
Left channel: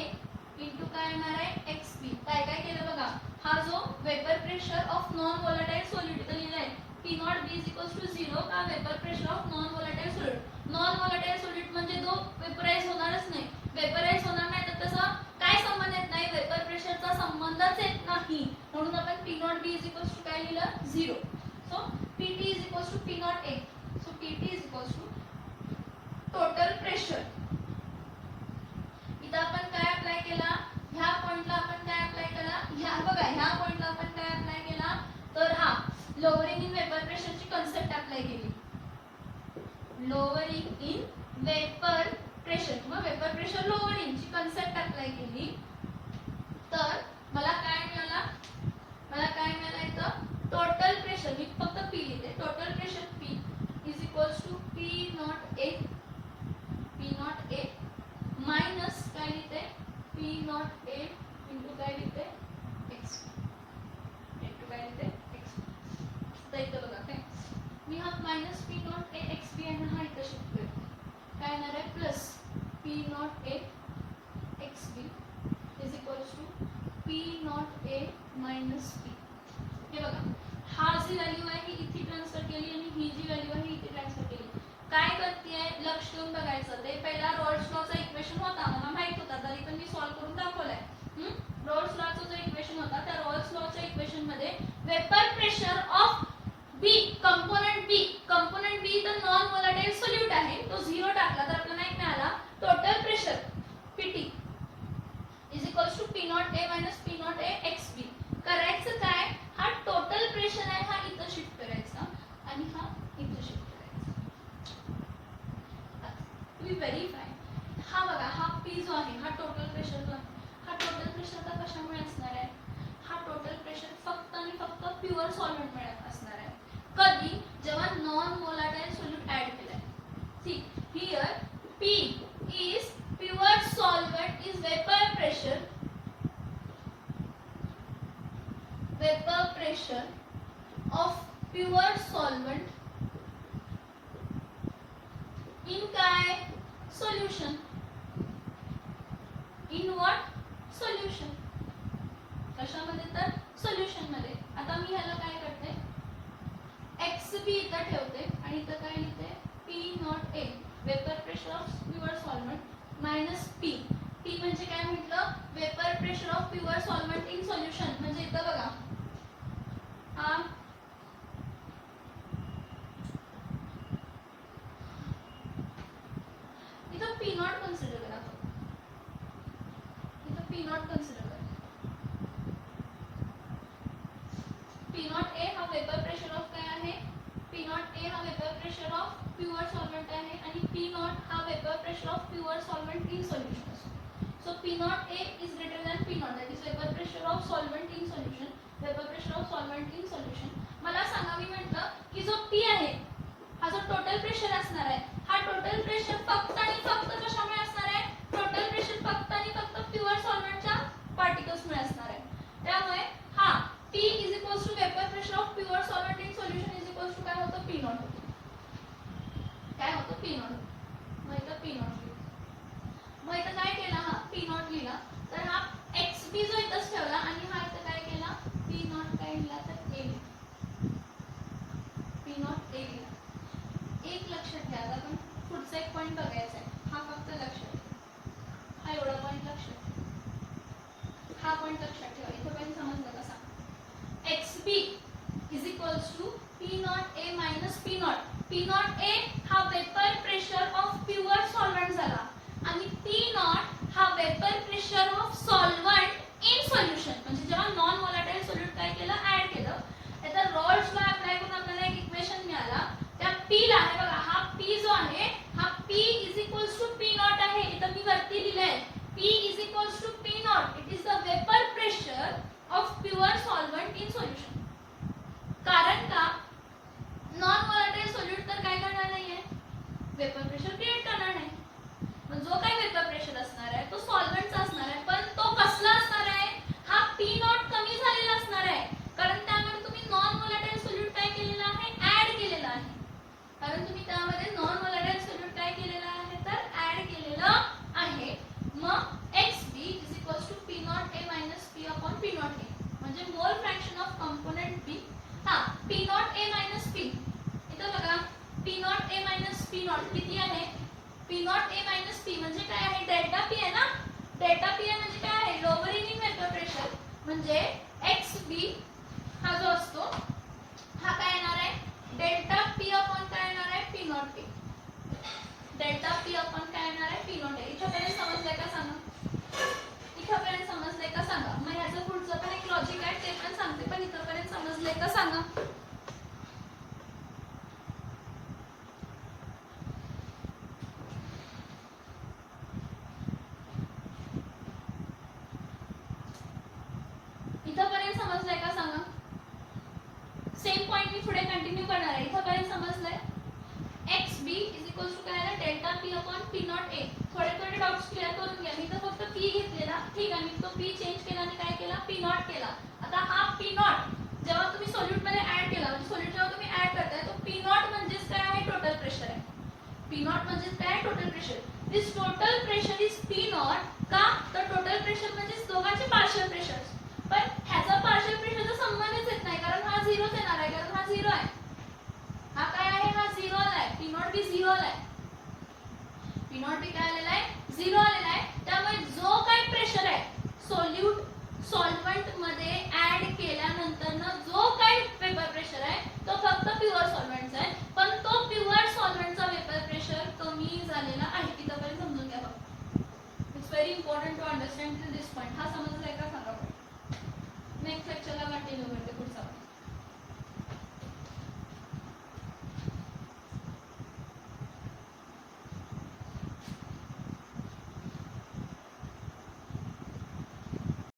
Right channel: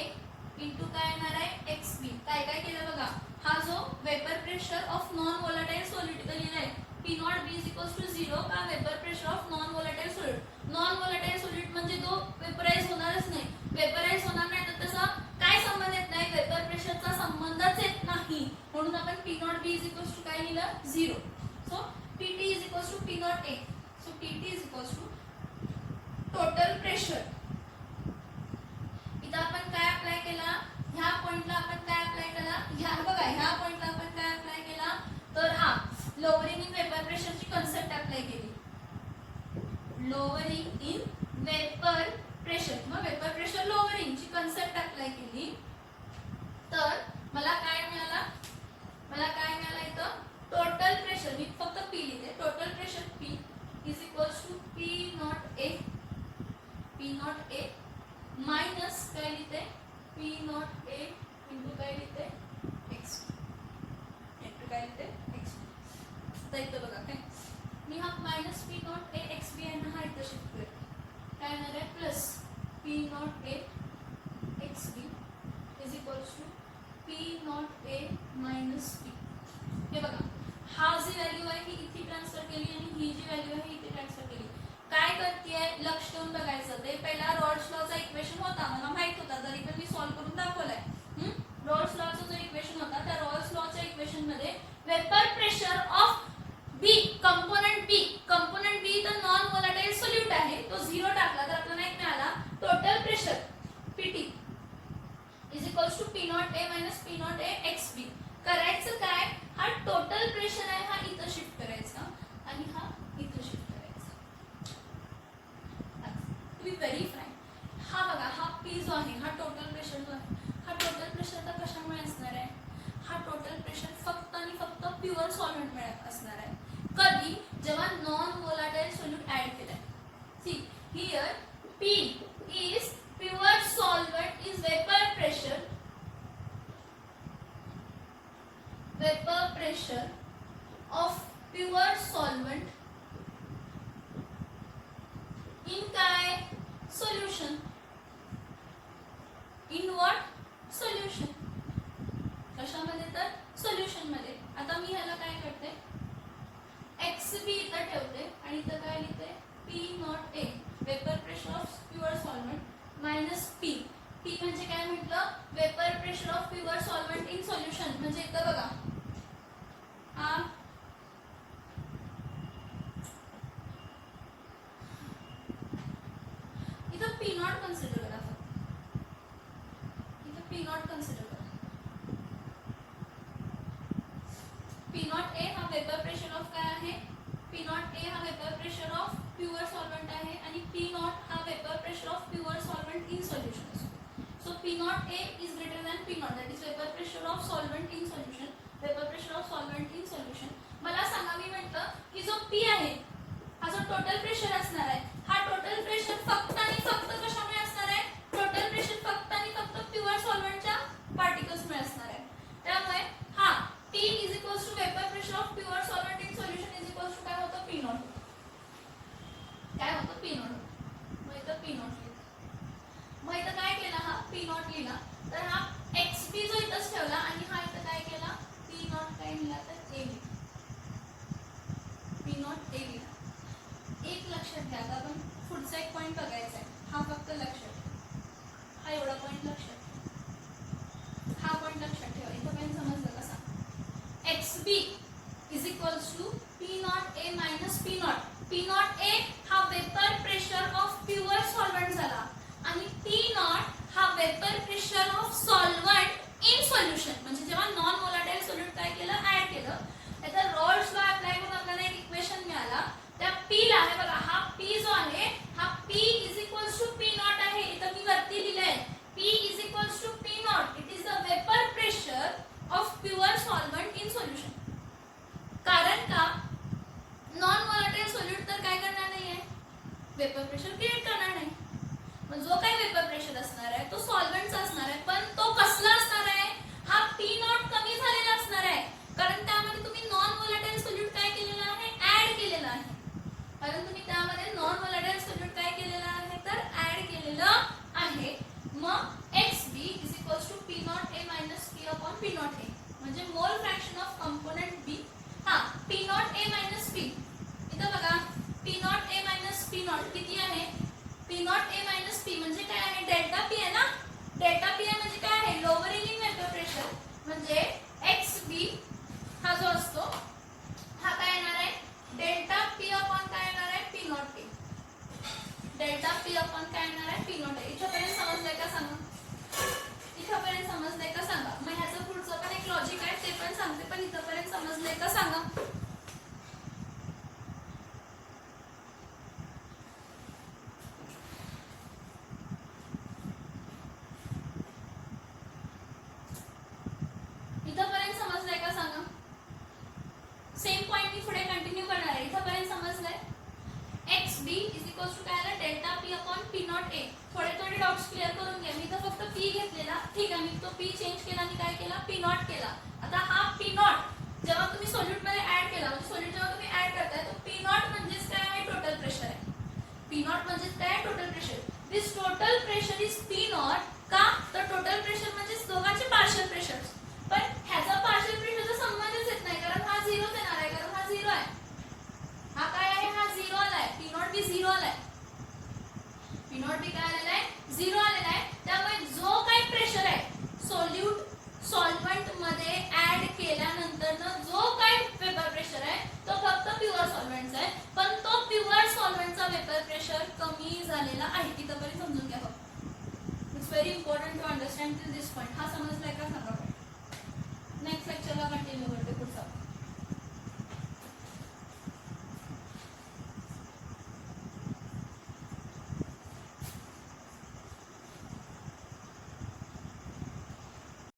इंटू काय येणार आहे एक्स बी. काय काय केलं बघा हा जो vapour pressure of non volatile solute इथं लिहिलाय P not B is equals to 0 का vapour pressure of non volatile solute. Non volatile solute म्हणजे तो वेपराइज होणारच नाही. वेपराइज होणार नाही तर तसा काय संबंध येत नाही वेपर प्रेशरचा संबंधच येत नाही. म्हणून आपण P not B is equals to काय लिहिलं 0. So P T is equals to P not A. So P T is equals to total pressure. इथं आपण काय अप्लाय केला ह्या पॉइंटला आपण काय अप्लाय केला ह्या बघा ह्या पॉइंटला आपण काय अप्लाय केला तर हा लोअरिंग इन वेपर प्रेशरची कन्सेप्ट अप्लाय केली. लोअरिंग इन वेपर प्रेशर मग वेपर प्रेशर लोअरिंगची कन्सेप्ट अप्लाय केली तर मला काय मिळाला इथं टोटल प्रेशर मी फक्त पी लिहिते total pressure P is equals to P not A minus काय लिहिते पी नॉट ए इंटू काय लिहिते एक्स इंटू काय लिहिते एक्स. तर इथं बघा काय मी हा minus P not A X B आणि हा इथं शिफ्ट करते काय येणार आहे plus P not A X B is equals to P not A minus P. हे बघा हा जी व्हॅल्यू आहे ही इथे ट्रान्सफर केली आणि ही जी व्हॅल्यू आहे ही इथे ट्रान्सफर केली. काय करतेय लक्ष देऊन बघायचं. ते पहिला रॉल्स लॉचा इक्वेशन होता, मला माहित होता, तरी पण मी सॉल्व्ह करून दाखवलाय. रॉल्स लॉचा जो इक्वेशन होता त्या रॉल्स लॉच्या इक्वेशन मध्ये vapour pressure of B component B तर नॉन व्होलाटाइल सोल्यूट आहे, तो 0 टाकला तर आपल्याला एक मिळाला total pressure PT is equals to P not A minus P not A X B. करायचं काय, हा टोटल प्रेशर आहे हा इथं शिफ्ट करायचा आणि हा इथं शिफ्ट करायचा. तुम्ही व्हेरीफाय, हा बघा हा पी जो आहे हा टोटल प्रेशर जो आहे, हा टोटल प्रेशर आता कशामुळे असणार आहे, हा टोटल प्रेशर फक्त आणि फक्त प्युअर सॉल्व्हेंट मुळे असणार आहे. कधी, जेव्हा नॉन व्होलाटाइल सोल्यूट ऍड केलाय. See here P is pure solvent is vapour pressure of pure solvent in काय सोल्युशन, इन व्हॉट सोल्युशन, कशामध्ये तर सोल्युशन मध्ये. आता मी ह्याला काय करते, एक्स बी इथं ठेवते आणि इथं काय लिहिते P not a vapour pressure of pure solvent minus P. P म्हणजे काय म्हटलं, vapour pressure of pure solvent in solution. म्हणजे इथं बघा हा इथं पी नॉट कन्सिडर करा, इथं पी नॉट कन्सिडर करा. पी नॉट ए हा वेपर प्रेशर ऑफ काय आहे, पी नॉट ए हा vapour pressure of pure solvent आहे आणि पी नॉट हा vapour pressure of pure solvent in solution असतो. So P not A is greater than P naught, that is vapour pressure of solvent in solution, vapour pressure of solvent in solution. मला सांगा, मी म्हटलं की जो P आहे हा जो total pressure असणार आहे, हा टोटल प्रेशर फक्त आणि फक्त कशामुळे असणार आहे, टोटल प्रेशर फक्त आणि फक्त प्युअर सॉल्व्हेंटच्या पार्टिकल्समुळे असणार आहे. त्यामुळे हा P is equals to vapour pressure of pure solvent in solution is equals to काय होतं, पी नॉट होतं. काय होतं, पी नॉट होतं. मग इथं पी नॉट लिहिलं, मग इथं काय केला, हा पी नॉट लिहिला तर हा एक्स बी जो इथंच ठेवला आणि हा इथं काय केला, पी नॉट काय लिहिला तर ए लिहिला, पी नॉट ए लिहिला. एक लक्षात घ्या, आता आपण पुढचा एक पॉईंट बघायचा आहे, हा फक्त लक्षात ठेवा, हा एवढा पॉईंट लक्षात ठेवा, हा पॉईंट लक्षात ठेवा. इथं पॉईंट समजलं का सांग, X B is equals to P not A minus P not. P not A हा vapour pressure of pure solvent झाला आणि पी नॉट हा vapour pressure of solvent in solution. म्हणजे जेव्हा नॉन व्होलाटाइल सोल्यूट काय केलं, ऍड केलं. आता रॉल्स लॉ अप्लाय करून आपल्याला एक इक्वेशन मिळाला, त्या पी ला आहे बघा, हा पी जो आहे हा P is equals to P naught आहे. इथं मी वरती लिहिलंय P is equals to P naught, it is the vapour pressure of pure solvent in solution. कारण का, नॉन व्होलाटाइल सोल्यूट तर काय करणार नाहीये, वेपर प्रेशर क्रिएट करणार नाही. जो काय वेपर प्रेशर असणार आहे तो सॉल्व्हेंटचा असणार आहे, पण तो कसला असणार आहे, हा पी नॉट कमी झालेला असणार आहे. कारण त्यामध्ये तुम्ही नॉन व्होलाटाइल सोल्यूट काय केलेला आहे, ऍड केलेला आहे. कारण तुम्ही त्यामध्ये नॉन व्होलाटाइल सोल्यूट काय केलेलं आहे तर ऍड केलेलं आहे. मग X B is equals to P not A minus P upon P not A, म्हणजे mole fraction of component B. हा P not A minus P, इथं बघा P not A minus P naught किती आहे, P not A minus P म्हणजे काय आहे, delta P आहे ना. डेल्टा पी आहे म्हणजे काय आहे, लोअरिंग वेपर प्रेशर. म्हणजे एक्स बी हा जो असतो हा काय येणार आहे, डेल्टा पी अपॉन काय येणार आहे, P not a. Delta P upon काय येणार आहे, पी नॉट ए. इथपर्यंत समजलंय का सांगा, इथपर्यंत समजलंय का सांगा. मग ह्याचं पुढचं पण एक लॉजिक आहे ते पण सांगते, पण इथपर्यंत समजलंय का सांगा. इथपर्यंत समजलंय का सांगा. सेम पॉइंट मी पुढे कंटिन्यू करणार आहे. इथपर्यंत समजलंय, X B is equals to काय आहे, delta P upon P not A. थोडे डाउट्स क्लिअर करून घ्या. मी तर फक्त पी घेतलेला, ठीक आहे, मी तो पी चेंज केला आणि काय केला, पी नॉट केला. आता हा पी नॉट जेव्हा तुम्ही सोल्यूट मध्ये ऍड केला, म्हणजे सोल्यूट जेव्हा तुम्ही ऍड करताय तो पी नॉट म्हणजेच काय आहे, टोटल प्रेशर आहे. पी नॉट म्हणजेच काय, total pressure. This total pressure is P not. का तर टोटल प्रेशर म्हणजे दोघांचे पार्शियल प्रेशर, पण ह्याचा पार्शियल प्रेशरचा संबंधच येत नाही कारण हा झिरोच येणार आहे, कारण हा झिरो आहे. हा काय आहे, हा झिरो आलाय, पी नॉट बी झिरो आलाय. पॉईंट टू दिस पॉईंट. हा समजलाय का सांगा. नेक्स्ट लेक्चरला कंटिन्यू करते पुढचा.